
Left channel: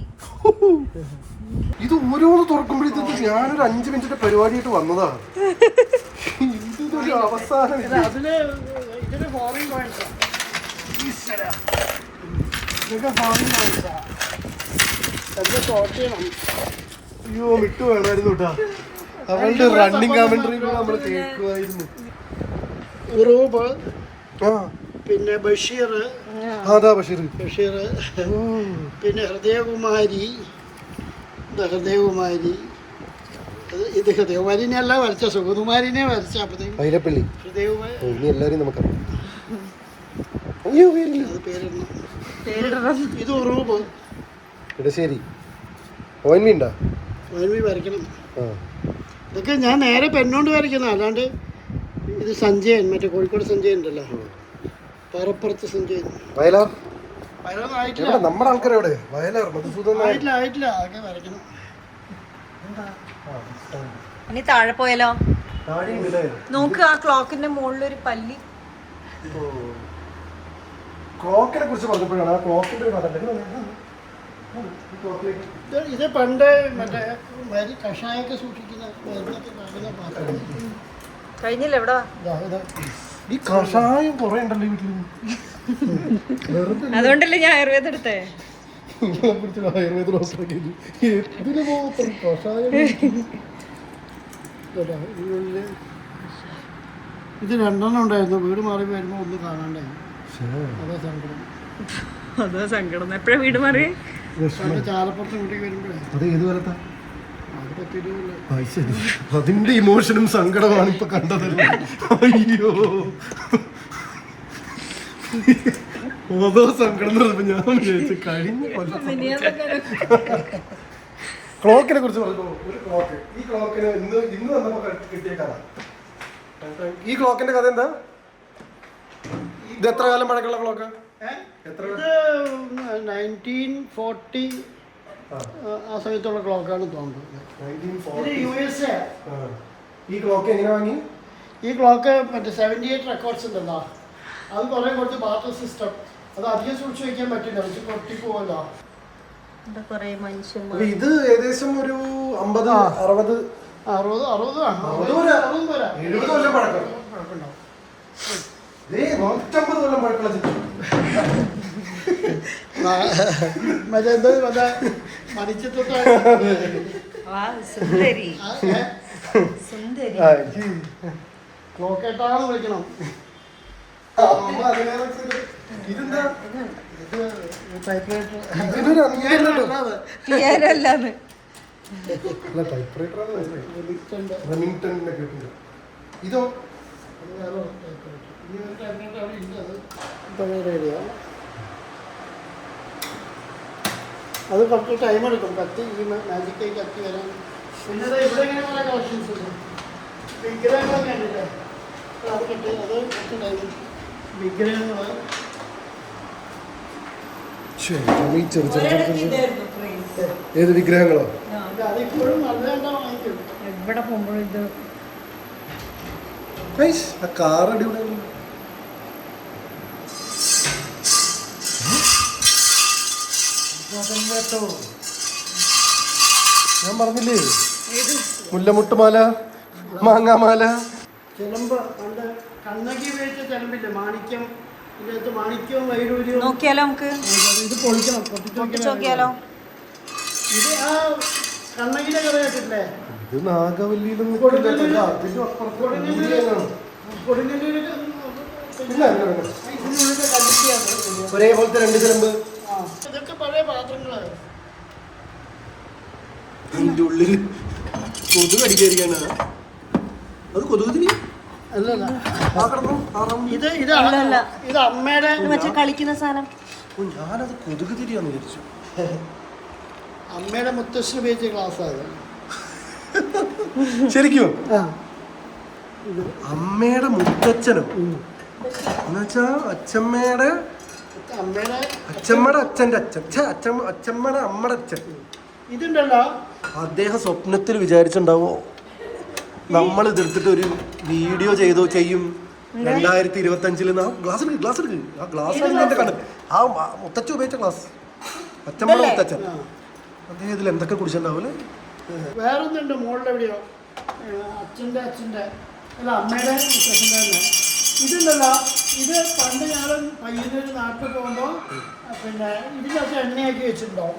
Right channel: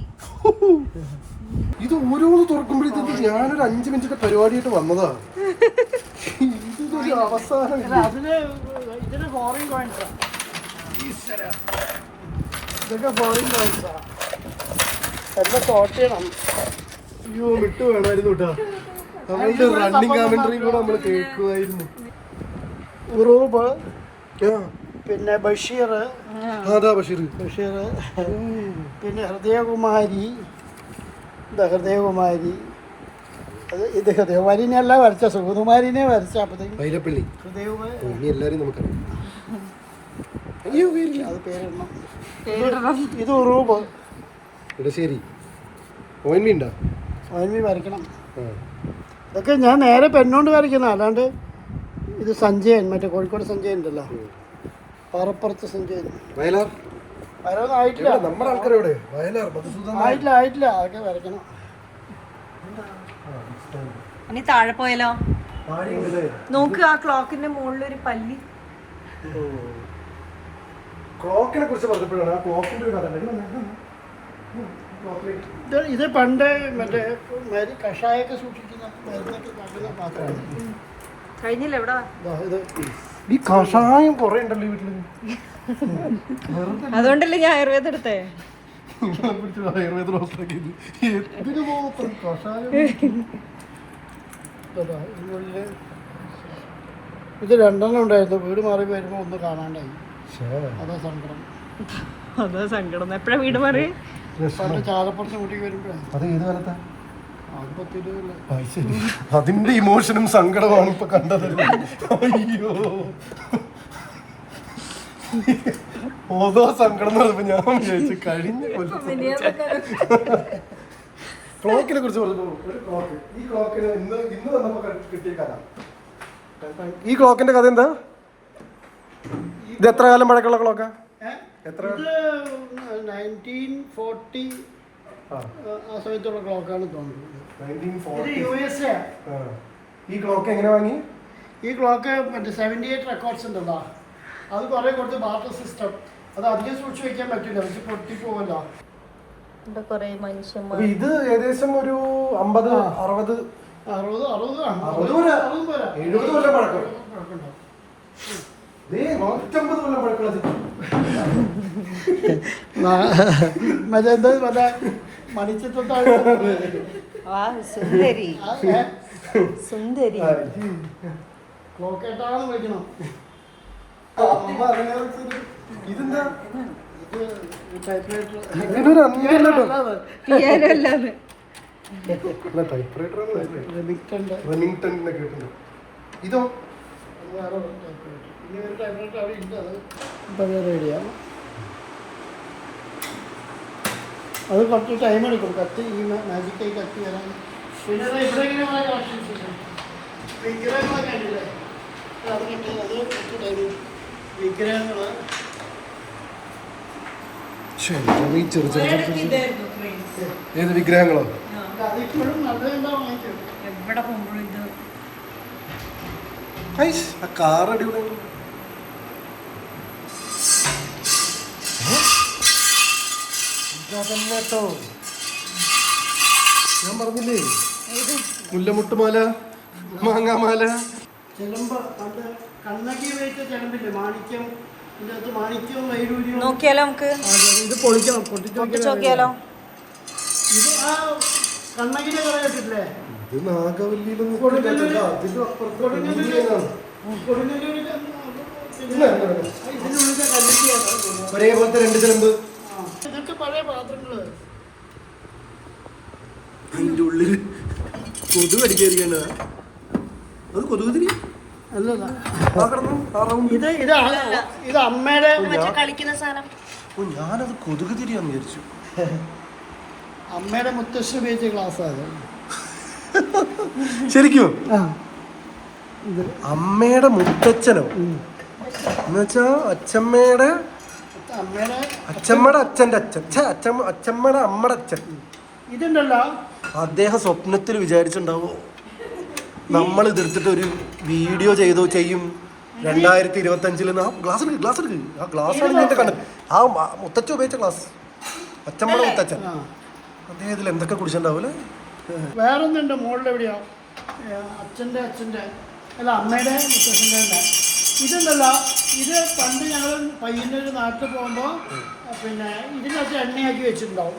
ഇത് ഓരോന്ന് തുറക്കുമ്പോഴത്തേക്ക് ഞാനൊരു 5 മിനിറ്റിന്റെ പരിപാടിയായിട്ട് വന്നതാ. ഇതൊരു അവസാനം. ഇതിന് ഫോറിൻ കോയിൻസ്, ഇതൊക്കെ ഫോറിൻ കോയിൻസാ. എല്ലാം സോർട്ട് ചെയ്യണം. അയ്യോ വിട്ടു വേണമായിരുന്നു കേട്ടാ. അവളുടെ റണ്ണിങ് കമന്ററി കൂടെ നമ്മൾ കേൾക്കുമായിരുന്നു. ഉറൂബ്, പിന്നെ ബഷീർ, ബഷീർ, പിന്നെ ഹൃദയകുമാരി. ഹൃദയകുമാരി ഇത് ഹൃദയകുമാരിനെ അല്ല വരച്ച, സുഗതകുമാരിനെ വരച്ച. വൈരപ്പള്ളി ഹൃദയകുമാരി എല്ലാരും നമുക്കറിയാം. അത് പേരിടണം. ഇത് ഉറൂബ്. ശരി ഓൻമി ഉണ്ടോ? ഓൻമി വരയ്ക്കണം. ഇതൊക്കെ ഞാൻ നേരെ പെണ്ണോണ്ട് വരയ്ക്കുന്ന, അല്ലാണ്ട് ഇത് സഞ്ജയൻ, മറ്റേ കോഴിക്കോട് സഞ്ജയൻ ഉണ്ടല്ലോ, പാറപ്പുറത്ത് സഞ്ജയൻ. വയലാർ വയലൊന്നും ആയിട്ടില്ല. നമ്മുടെ ആൾക്കാരോട് വയലാർ മധുസൂദൻ ആയിട്ടില്ല. അതൊക്കെ വരയ്ക്കണം. ഇനി താഴെ പോയാലോ? നോക്ക്, ആ ക്ലോക്കിന്റെ മുകളിലൊരു പല്ലി. ക്ലോക്കിനെ കുറിച്ച് പറഞ്ഞപ്പോഴാണ് ആ ക്ലോക്കിന്റെ ഒരു കഥ. ഇത് പണ്ട് മറ്റേ കഷായൊക്കെ സൂക്ഷിക്കുന്ന മരുന്നൊക്കെ ഉണ്ടാക്കുന്ന പാത്രം. കഴിഞ്ഞില്ല എവിടെ? ഈ കഷായം കുറെ ഉണ്ടല്ലോ വീട്ടില്. അതുകൊണ്ടല്ലേ ഞാൻ ആയുർവേദം എടുത്തേ. ആയുർവേദ ഹോസ്പിറ്റൽ കഷായം. ഇത് 2 ഉണ്ടായിരുന്നു. വീട് മാറി വരുമ്പോ ഒന്ന് കാണാണ്ടായി. അതാ സങ്കടം. എപ്പോഴാ വീട് മാറി? പണ്ട് ചാലപ്പുറത്ത് കൂട്ടി വരുമ്പോഴേ. അത് ഏത് കാലത്താ? ശരി, അതിന്റെ ഇമോഷനും സങ്കടമാണ് ഇപ്പൊ കണ്ടതല്ലേ. അയ്യോ, ഓരോ സങ്കടം എന്ന് പറയുമ്പോ ഞാൻ വിചാരിച്ചു കഴിഞ്ഞ കൊല്ലം ക്ലോക്കിനെ കുറിച്ച് പറഞ്ഞു. ഒരു ക്ലോക്ക്, ഈ ക്ലോക്കിന് ഇന്ന് വന്നപ്പോ കിട്ടിയ കഥ. ഈ ക്ലോക്കിന്റെ കഥ എന്താ? ഇത് എത്ര കാലം പഴക്കമുള്ള ക്ലോക്കാ? എത്ര? 1940 ആ സമയത്തുള്ള ക്ലോക്കാണ് തോന്നുന്നത്. 1940. ഇത് USA. ഈ ക്ലോക്ക് എങ്ങനെ വാങ്ങി? ഈ ക്ലോക്ക് മറ്റേ 78 റെക്കോർഡ്സ് ഉണ്ടല്ലോ, അത് കുറെ കൊടുത്ത് ബാത്ത് സിസ്റ്റം. അത് അധികം സൂക്ഷിച്ച് വയ്ക്കാൻ പറ്റില്ല, പക്ഷെ പൊട്ടി പോവല്ലോ. കൊറേ മനുഷ്യന്മാർ. ഇത് ഏകദേശം ഒരു 50, 60, 70 കൊല്ലം പഴക്കം. 150 കൊല്ലം പഴക്കമുള്ള ചിത്രം. സുന്ദരി സുന്ദരി. ക്ലോക്കേട്ടാന്ന് വിളിക്കണം. ഇതെന്താ? പിയാനോ അല്ലാന്ന്. അല്ല, ടൈപ്പ്റൈറ്റർ റെമിംഗ്ടണിന്റെ കേട്ടുണ്ട്. ഇതോ? അത് കുറച്ച് ടൈം എടുക്കും കത്തി, ഈ മാജിക്കായി കത്തി വരാൻ. പിന്നെ ഇവിടെ ഇങ്ങനെയുള്ള കളക്ഷൻസ് വിഗ്രഹങ്ങളൊക്കെ ഉണ്ടല്ലേ, അതിനുണ്ട്. അത് കുറച്ച് ടൈം വിഗ്രഹങ്ങള് ഏത് വിഗ്രഹങ്ങളോ? അതിപ്പോഴും നല്ലതെന്താ വാങ്ങിക്കും. എവിടെ പോകുമ്പോഴും ഇത് ആ കാർ അടിപൊളിയാണ്. കേട്ടോ, ഞാൻ പറഞ്ഞില്ലേ, മുല്ലമുട്ടുമാല, മാങ്ങാമാല. ചിലമ്പ് നമ്മുടെ കണ്ണകി ഉപയോഗിച്ച ചിലമ്പില്ലേ, മാണിക്യം. ഇതിൻ്റെ അകത്ത് മാണിക്യവും വൈഡൂര്യവും. നോക്കിയാലോ നമുക്ക്? ഇത് പൊളിക്കണം, പൊട്ടിച്ച് നോക്കിയാലോ? ഇത് ആ കണ്ണകിനെ കറങ്ങിട്ടില്ലേ, ഇത് നാഗവല്ലിയിലും കൊടുങ്ങല്ലൂര് ഇതിനുള്ളിലെ കമ്മിറ്റിയാണ്. ഒരേപോലത്തെ 2 ചിലമ്പ്. ഇതൊക്കെ പഴയ പാത്രങ്ങള്. അതിന്റെ ഉള്ളില് കൊതുക് അടിക്കാതിരിക്കാണ്. അത് കൊതുക് തിരി അല്ലല്ല, ഇത് ഇത് അമ്മയുടെ മറ്റേ കളിക്കുന്ന സാധനം. ഞാനത് കൊതുക് തിരിയാന്ന് വിചാരിച്ചു. അമ്മയുടെ മുത്തശ്ശി ഉപയോഗിച്ച ഗ്ലാസ്സാണ്. ശരിക്കും അമ്മയുടെ മുത്തച്ഛനോ? എന്നുവെച്ചാ അച്ഛമ്മയുടെ അച്ഛന്റെ അച്ഛൻ, അച്ഛമ്മയുടെ അമ്മയുടെ അച്ഛൻ. ഇതുണ്ടല്ലോ, അദ്ദേഹം സ്വപ്നത്തിൽ വിചാരിച്ചിട്ടുണ്ടാവോ നമ്മൾ ഇതെടുത്തിട്ട് ഒരു വീഡിയോ ചെയ്യും 2025 ആ ഗ്ലാസ് എടുക്ക്. ആ ഗ്ലാസ്സാണ് എന്റെ കണ്ടത്. ആ മുത്തച്ഛൻ ഉപയോഗിച്ച ഗ്ലാസ്, അച്ഛമ്മയുടെ മുത്തച്ഛൻ. അദ്ദേഹം ഇതിൽ എന്തൊക്കെ കുടിച്ചിട്ടുണ്ടാവൂലേ. വേറൊന്നുണ്ട് മുകളിൽ എവിടെയാ, അച്ഛൻ്റെ അല്ല അമ്മയുടെ മുത്തശ്ശൻ്റെ. ഇതുണ്ടല്ലോ, ഇത് പണ്ട് ഞങ്ങൾ പയ്യന്നൂർ നാട്ടിൽ പോകുമ്പോൾ പിന്നെ ഇതിനകത്ത് എണ്ണയാക്കി വെച്ചിട്ടുണ്ടാവും.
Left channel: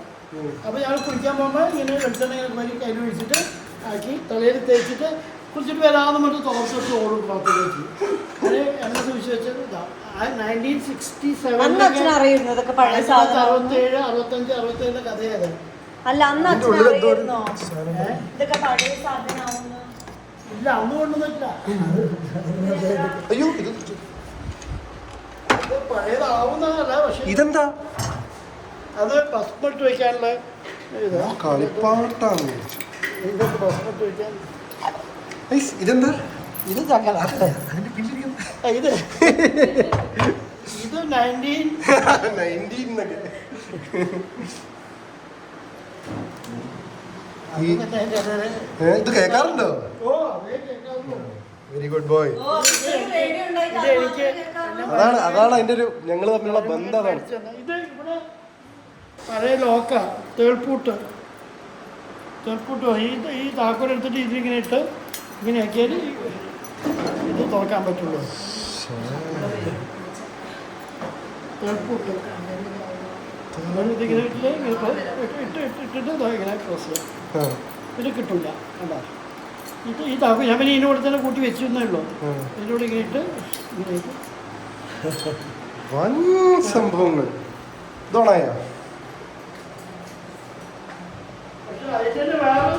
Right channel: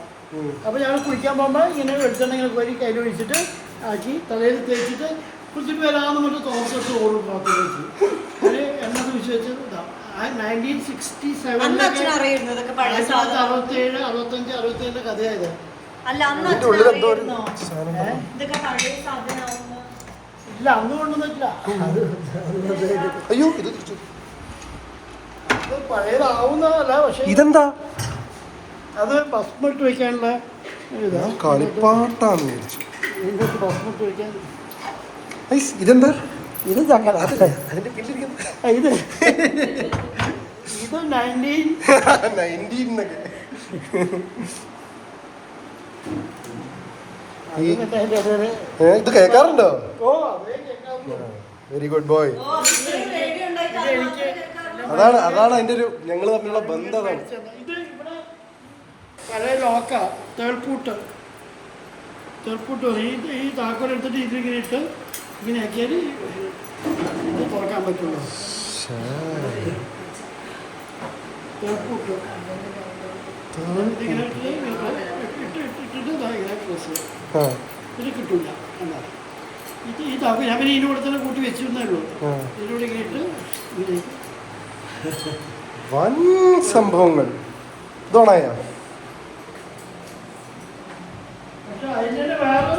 അപ്പോൾ ഞങ്ങൾ കുളിക്കാൻ പോകുമ്പോൾ ഇങ്ങനെ വെളിച്ചെണ്ണ കോരി കയ്യിൽ ഒഴിച്ചിട്ട് ആക്കി തലയിൽ തേച്ചിട്ട് കുളിച്ചിട്ട് വരാമെന്ന് പറഞ്ഞിട്ട് തോർത്തിട്ട് ഓടും പാത്രത്തിലേക്ക്. അത് എണ്ണ സൂക്ഷിച്ച് വെച്ച് ഇതാവും. 1967 67, 65, 67 കഥയായത്. അല്ല അന്ന് ഇതൊക്കെ പഴയ സാധനമാവുന്നു. ഇല്ല, അന്ന് കൊണ്ടുവന്നിട്ടില്ല. അയ്യോ, പഴയതാവുന്നതല്ല, പക്ഷേ ഇതെന്താ? അത് ഭസ്മിട്ട് വയ്ക്കാനുള്ള ഞാൻ കളിപ്പാട്ടാന്ന് വിചാരിച്ചു. ഇതൊക്കെ ഭസ്മിട്ട് വയ്ക്കാൻ. ഇതെന്താ? ഇത് ചങ്ങല. അതിന്റെ പിന്നിരിക്കുന്നു. ഇത് 19 എന്നൊക്കെ. ഇത് കേൾക്കാറുണ്ടോ? ഓ അതേ കേൾക്കാവുന്നു. Very good boy. എനിക്ക് അതാണ് അതിന്റെ ഒരു ഞങ്ങൾ തമ്മിലുള്ള ബന്ധം. അതാണ് ഇത് ഇവിടെ പഴയ ലോക്ക തേൾപ്പൂട്ട് പറയും. ഈ താക്കോൽ എടുത്തിട്ട് ഇതിങ്ങനെ ഇട്ട് ഇങ്ങനെ ആക്കിയാൽ ഇത് തുറക്കാൻ പറ്റുള്ളൂ. തേൾപ്പൂട്ട് ഇതിങ്ങനെ ഇട്ടിട്ട് ഇങ്ങനെ ക്രോസ് ചെയ്യാം. ഇത് കിട്ടില്ല. എന്താ ഈ താക്കോൽ ഞാൻ പിന്നെ ഇതിൻ്റെ കൂടെ തന്നെ കൂട്ടി വെച്ചിരുന്നേ ഉള്ളൂ. ഇതിലൂടെ ഇങ്ങനെ ഇട്ട് ഇങ്ങനെയൊക്കെ വൻ സംഭവങ്ങൾ. ഇതോണായ പക്ഷെ അതിൻ്റെ വേറെ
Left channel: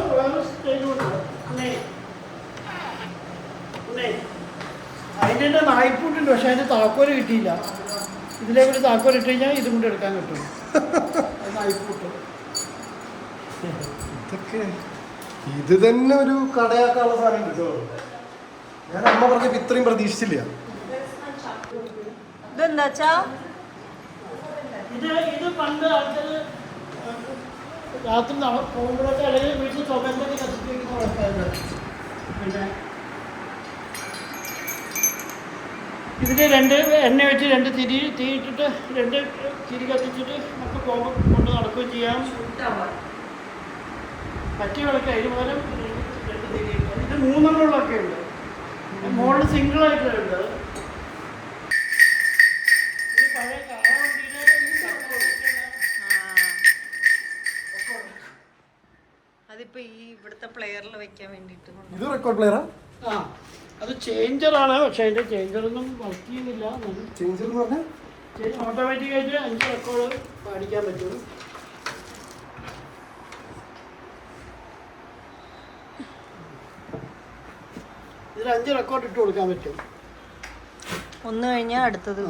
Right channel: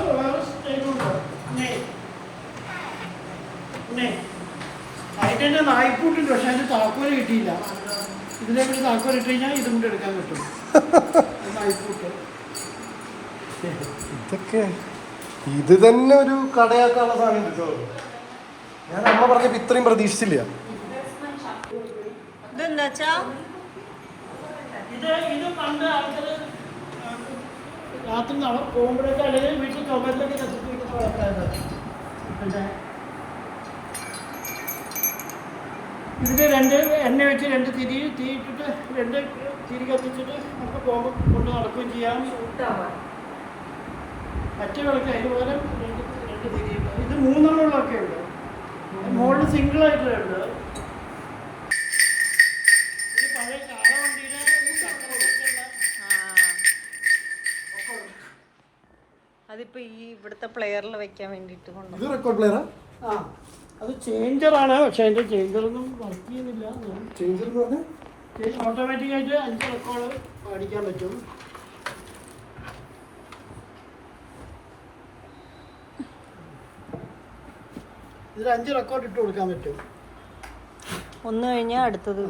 അതിൻ്റെ നായ്പൂട്ടുണ്ട്, പക്ഷെ അതിൻ്റെ താക്കോല് കിട്ടിയില്ല. ഇതിലേക്ക് താക്കോൽ ഇട്ട് കഴിഞ്ഞാൽ ഇതും കൂടെ എടുക്കാൻ പറ്റും. നായ്പൂട്ട് ഇതൊക്കെ ഇത് തന്നെ ഒരു കടയാക്കാനുള്ള സാധനം കിട്ടോ? ഞാൻ അമ്മ പറഞ്ഞപ്പോ ഇത്രയും പ്രതീക്ഷിച്ചില്ല. ഇതെന്താച്ചാ ഇത് പണ്ട് ആൾക്കാർ രാത്രി പോകുമ്പോഴൊക്കെ അല്ലെങ്കിൽ വീട്ടിൽ തുകയിലൊക്കെ നശിപ്പിക്കുന്ന ആൾക്കാരുണ്ട്. പിന്നെ ഇതിന് 2 എണ്ണ വെച്ച് 2 തിരി തീയിട്ടിട്ട് 2 തിരി കത്തിച്ചിട്ട് നമുക്ക് പോകുമ്പോൾ കൊണ്ട് നടക്കുകയും ചെയ്യാം. പറ്റിയ വിളക്ക് അതിന് പകരം 2 തിരി. ഇത് 3 എണ്ണങ്ങളൊക്കെ ഉണ്ട്. മുകളിൽ സിംഗിളായിട്ടുണ്ട്. ഇത് പഴയ കാളവണ്ടിയുടെ അതിപ്പോ ഈ ഇവിടുത്തെ പ്ലെയറിൽ വെക്കാൻ വേണ്ടിട്ട് ഇത് റെക്കോർഡ് പ്ലെയറാ? ആ, അത് ചേഞ്ചറാണ്. പക്ഷെ അതിന്റെ ചേഞ്ചറൊന്നും വർക്ക് ചെയ്യുന്നില്ല. ചേഞ്ചർ എന്ന് പറഞ്ഞാൽ ഓട്ടോമാറ്റിക്കായിട്ട് 5 റെക്കോർഡ് പഠിക്കാൻ പറ്റും. ഇതിൽ 5 റെക്കോർഡ് ഇട്ട് കൊടുക്കാൻ പറ്റും. ഒന്ന് കഴിഞ്ഞാൽ അടുത്തത്.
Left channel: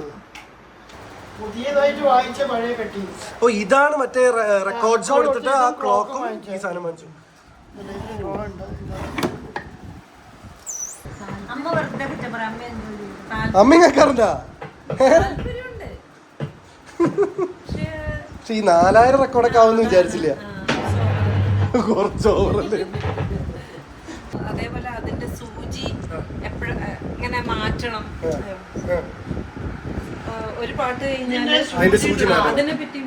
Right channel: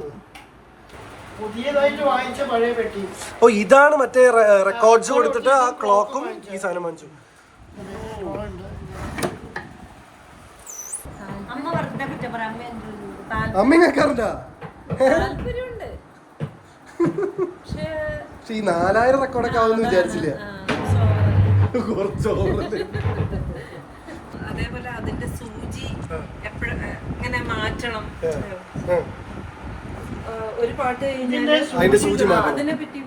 പുതിയതായിട്ട് വാങ്ങിച്ച പഴയ പെട്ടി. ഓ ഇതാണ് മറ്റേ റെക്കോർഡ്സ് കൊടുത്തിട്ട് ആ ക്ലോക്കും ഈ സാധനം വാങ്ങിച്ചു. അമ്മ വെറുതെ കുറ്റം പറയാം. അമ്മ കേൾക്കാറുണ്ടാ? താല്പര്യമുണ്ട്. പക്ഷെ ഈ 4000 റെക്കോർഡൊക്കെ ആവുമെന്ന് വിചാരിച്ചില്ല. കുറച്ച് ഓവറല്ലേ. അതേപോലെ അതിന്റെ സൂചി എപ്പോഴും ഇങ്ങനെ മാറ്റണം. ഒരു പാട്ട് കഴിഞ്ഞാല് അതിന്റെ സൂചി മാറ്റണം. അതിനെ പറ്റി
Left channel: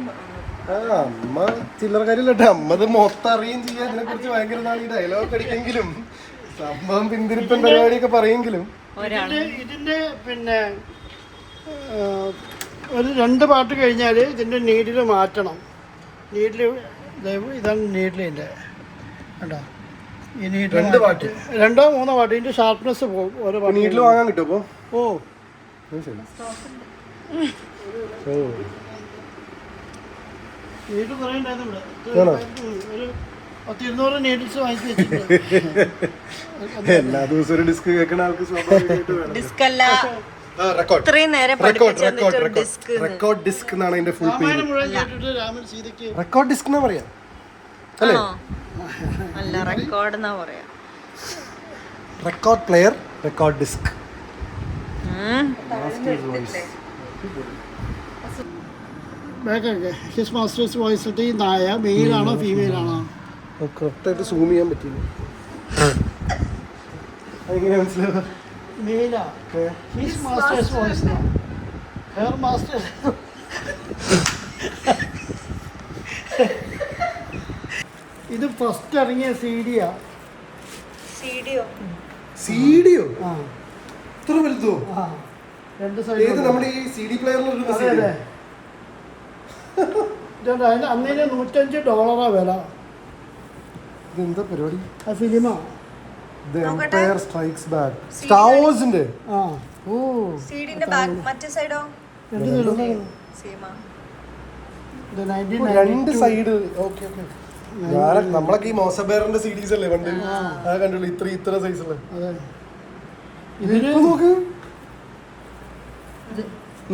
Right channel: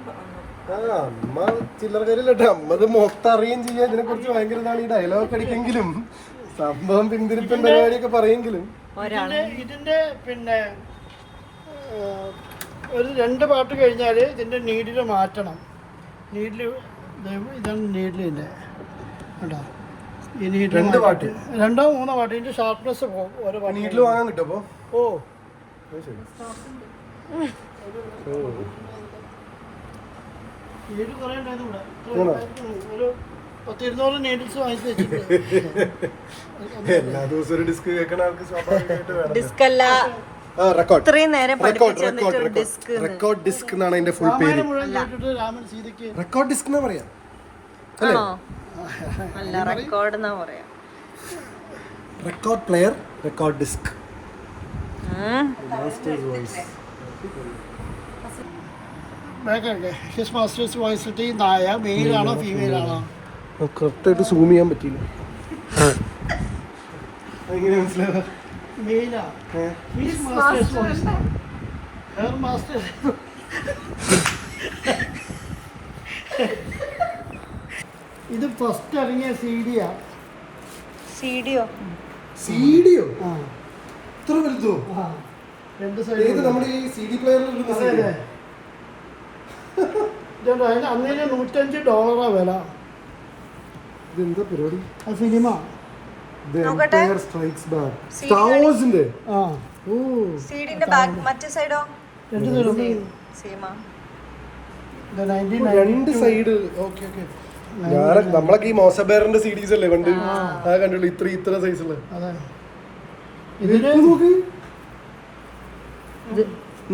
അമ്മ ചില്ലറ കാര്യമില്ലട്ടെ. അമ്മത് മൊത്തം അറിയുകയും ചെയ്യാം. ഇതിനെ കുറിച്ച് ഭയങ്കര ഇതാണ്. ഈ ഡയലോഗ് അടിക്കെങ്കിലും സംഭവം പിന്തിരിപ്പൻ പരിപാടിയൊക്കെ പറയെങ്കിലും ഇതിന്റെ പിന്നെ ഒരു 2 പാട്ട് കഴിഞ്ഞാൽ ഇതിന്റെ നീഡിൽ മാറ്റണം. നീഡിൽ ഇതാണ് നീഡിലിൻ്റെ കേട്ടോ. ഈ നീഡിൽ 2 പാട്ട് 2 3 പാട്ട് ഇതിന്റെ ഷാർപ്നെസ് പോകും. ഓരോ നീട്ടിൽ വാങ്ങാൻ കിട്ടും. അപ്പൊ ഓ നീഡിൽ കുറേ ഉണ്ടായിരുന്നു ഇവിടെ. ഒരു 10-200 നീഡിൽസ് വാങ്ങിച്ച് വെച്ചിട്ടുണ്ട്. എല്ലാ ദിവസവും ഒരു ഡിസ്ക് കേൾക്കണ ആൾക്ക് സ്വാഭാവികമായിട്ട് വേണം. ഡിസ്ക് അല്ല, റെക്കോർഡ് ഇത്രയും നേരം പഠിപ്പിച്ചു ഡിസ്ക്. റെക്കോർഡ് ഡിസ്ക് എന്നാണ് അതിന്റെ ഫുൾ പേര്. മുഴുവൻ കേട്ടിട്ട് രാമൻ സീതയ്ക്ക് റെക്കോർഡ് ഡിസ്ക് എന്നാ പറയാ? ആണോ? അല്ല, റെക്കോർഡ് എന്നാ പറയാ. Record player, record disc. His master's വോയിസിട്ട് ഈ നായ മെയിലാണോ ഫീമെയിലാണോ? കറക്റ്റായിട്ട് സൂം ചെയ്യാൻ പറ്റില്ല. എങ്ങനെ മനസ്സിലാവുക? മെയിലാ. His master's voice her master's. ഇത് ഫസ്റ്റ് ഇറങ്ങിയ CD-യാ. സീഡിയോ? സീഡിയോ? ആ ഇത്ര വലുതോ? ആ 2 ഏത് സൈഡ്. നമ്മുടെ ഈ CD പ്ലെയറിൽ അതെ അതെ. ഇതുണ്ട്. അതിന് അന്നേരം $105 വില. ഇതെന്താ പരിപാടി? ആ cinema. The Empire Strikes Back. Star Warsന്റെ. ആ ഓ സീഡിന്റെ ബാക്ക് മറ്റേ സൈഡോ? 2 സൈഡ്. സീമ. ഇത് 1990. 2 സൈഡ്. Okay okay. ഞാൻ നമ്മളൊക്കെ ഈ മോസബേറിന്റെ സീരീസ് അല്ലേ പണ്ട് അത് കണ്ടുള്ളൂ. ഇത്ര സൈസുള്ള. അതാണ്. ഇതിന് നോക്ക്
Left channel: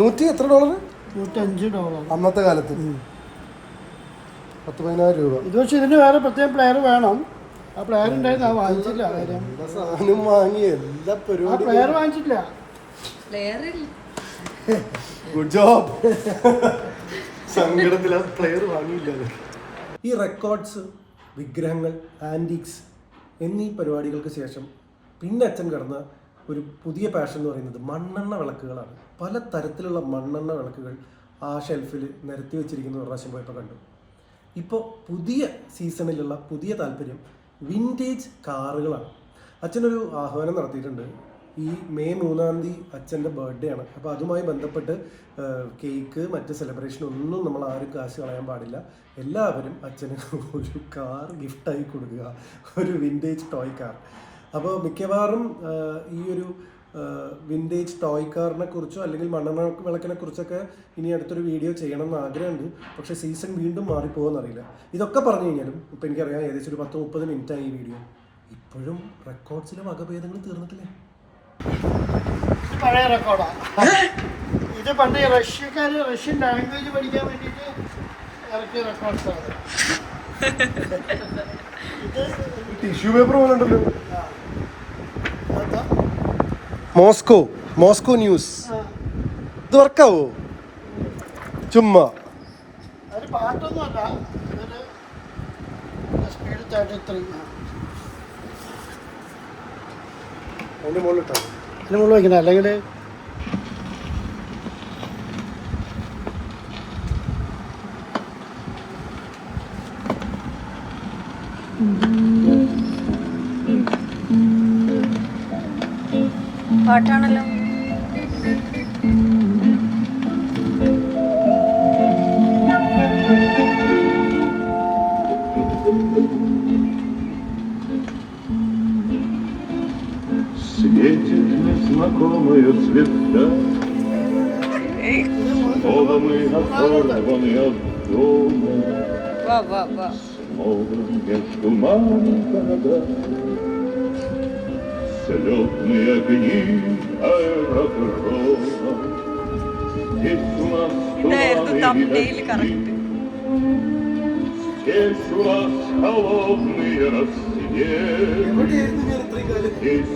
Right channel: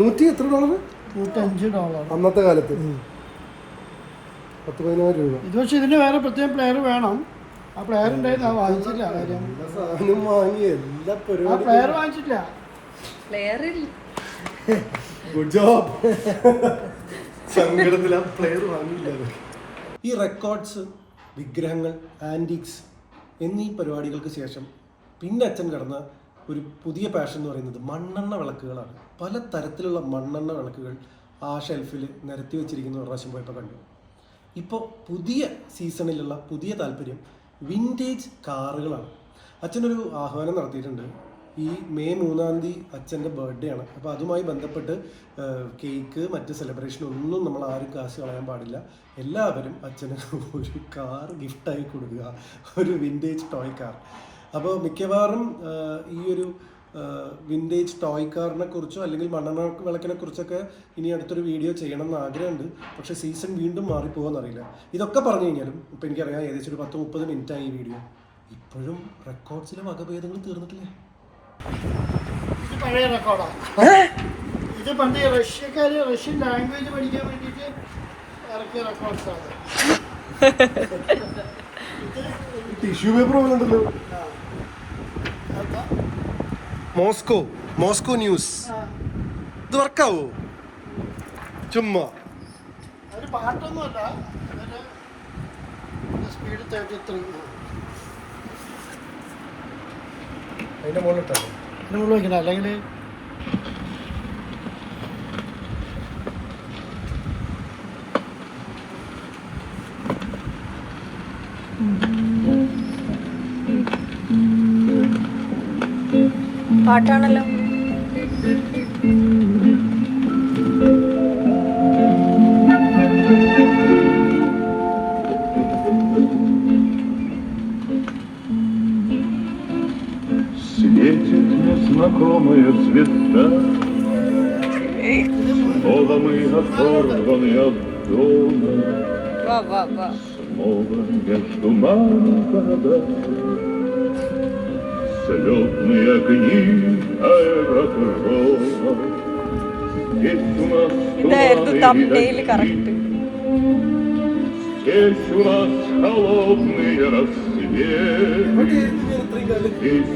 $100 $105. അന്നത്തെ കാലത്ത് 10,000 രൂപ. ഇത് പക്ഷേ ഇതിന് വേറെ പ്രത്യേകം പ്ലെയർ വേണം. ആ പ്ലെയർ ഉണ്ടായിരുന്നു, അത് വാങ്ങിച്ചില്ല. കാര്യം എല്ലാ സാധനം വാങ്ങി എല്ലാ ആ പരിപാടി. പ്ലെയർ വാങ്ങിച്ചില്ല. Good job. സങ്കടത്തില പ്ലെയർ വാങ്ങിയില്ല. ഈ റെക്കോർഡ്സ്, വിഗ്രഹങ്ങൾ, ആൻറ്റിക്സ് എന്നീ പരിപാടികൾക്ക് ശേഷം പിന്നെ അച്ഛൻ കടന്ന ഒരു പുതിയ പാഷൻ എന്ന് പറയുന്നത് മണ്ണെണ്ണ വിളക്കുകളാണ്. പല തരത്തിലുള്ള മണ്ണെണ്ണ വിളക്കുകൾ ആ ഷെൽഫിൽ നിരത്തി വെച്ചിരിക്കുന്ന ഒരു പ്രാവശ്യം പോയപ്പോൾ കണ്ടു. ഇപ്പോൾ പുതിയ സീസണിലുള്ള പുതിയ താല്പര്യം വിൻറ്റേജ് കാറുകളാണ്. അച്ഛനൊരു ആഹ്വാനം നടത്തിയിട്ടുണ്ട്. ഈ മെയ് 3-ാം തീയതി അച്ഛൻ്റെ ബർത്ത്ഡേ ആണ്. അപ്പോൾ അതുമായി ബന്ധപ്പെട്ട് കേക്ക്, മറ്റ് സെലിബ്രേഷൻ ഒന്നും നമ്മൾ ആരും കാശ് കളയാൻ പാടില്ല. എല്ലാവരും അച്ഛന് ഒരു കാർ ഗിഫ്റ്റായി കൊടുക്കുക, ഒരു വിൻറ്റേജ് ടോയ് കാർ. അപ്പോൾ മിക്കവാറും ഈ ഒരു വിൻറ്റേജ് ടോയ് കാറിനെ കുറിച്ചോ അല്ലെങ്കിൽ മണ്ണെണ്ണ വിളക്കിനെ കുറിച്ചൊക്കെ ഇനി അടുത്തൊരു വീഡിയോ ചെയ്യണം എന്ന് ആഗ്രഹമുണ്ട്. പക്ഷേ സീസൺ വീണ്ടും മാറിപ്പോകുമെന്നറിയില്ല. ഇതൊക്കെ പറഞ്ഞു കഴിഞ്ഞാലും ഇപ്പം എനിക്കറിയാം ഏകദേശം ഒരു 10-30 മിനിറ്റായി ഈ വീഡിയോ. ഇപ്പോഴും റെക്കോർഡ്സിലെ വകഭേദങ്ങൾ തീർന്നിട്ടില്ല. ഇത് പഴയ റെക്കോർഡാണ്. ഇത് പണ്ട് റഷ്യൻ ലാംഗ്വേജ് പഠിക്കാൻ വേണ്ടിയിട്ട് ഇറക്കിയ റെക്കോർഡ്സാണ്. ടിഷ്യൂ പേപ്പർ പോലെ ഉണ്ടല്ലോ. Moscow news. ഇത് വർക്കാവോ? ചുമ്മാ ഒരു പാട്ടൊന്നുമല്ല, സ്പീഡ് 33. അതിന്റെ മുകളിലിട്ടോ. ഇതിന് മുകളിൽ വയ്ക്കുന്നത് അല്ലെങ്കിൽ പാട്ടാണല്ലോ. Светит незнакомая звезда, снова мы оторваны от дома, വാ വാ വാ. снова между мамой города, слетные огни аэродрома. Здесь у нас ഇതായിരുന്നു туманы и തംബ്നെയിൽ дожди, കറക്റ്റ്. здесь у нас холодный рассвет. Здесь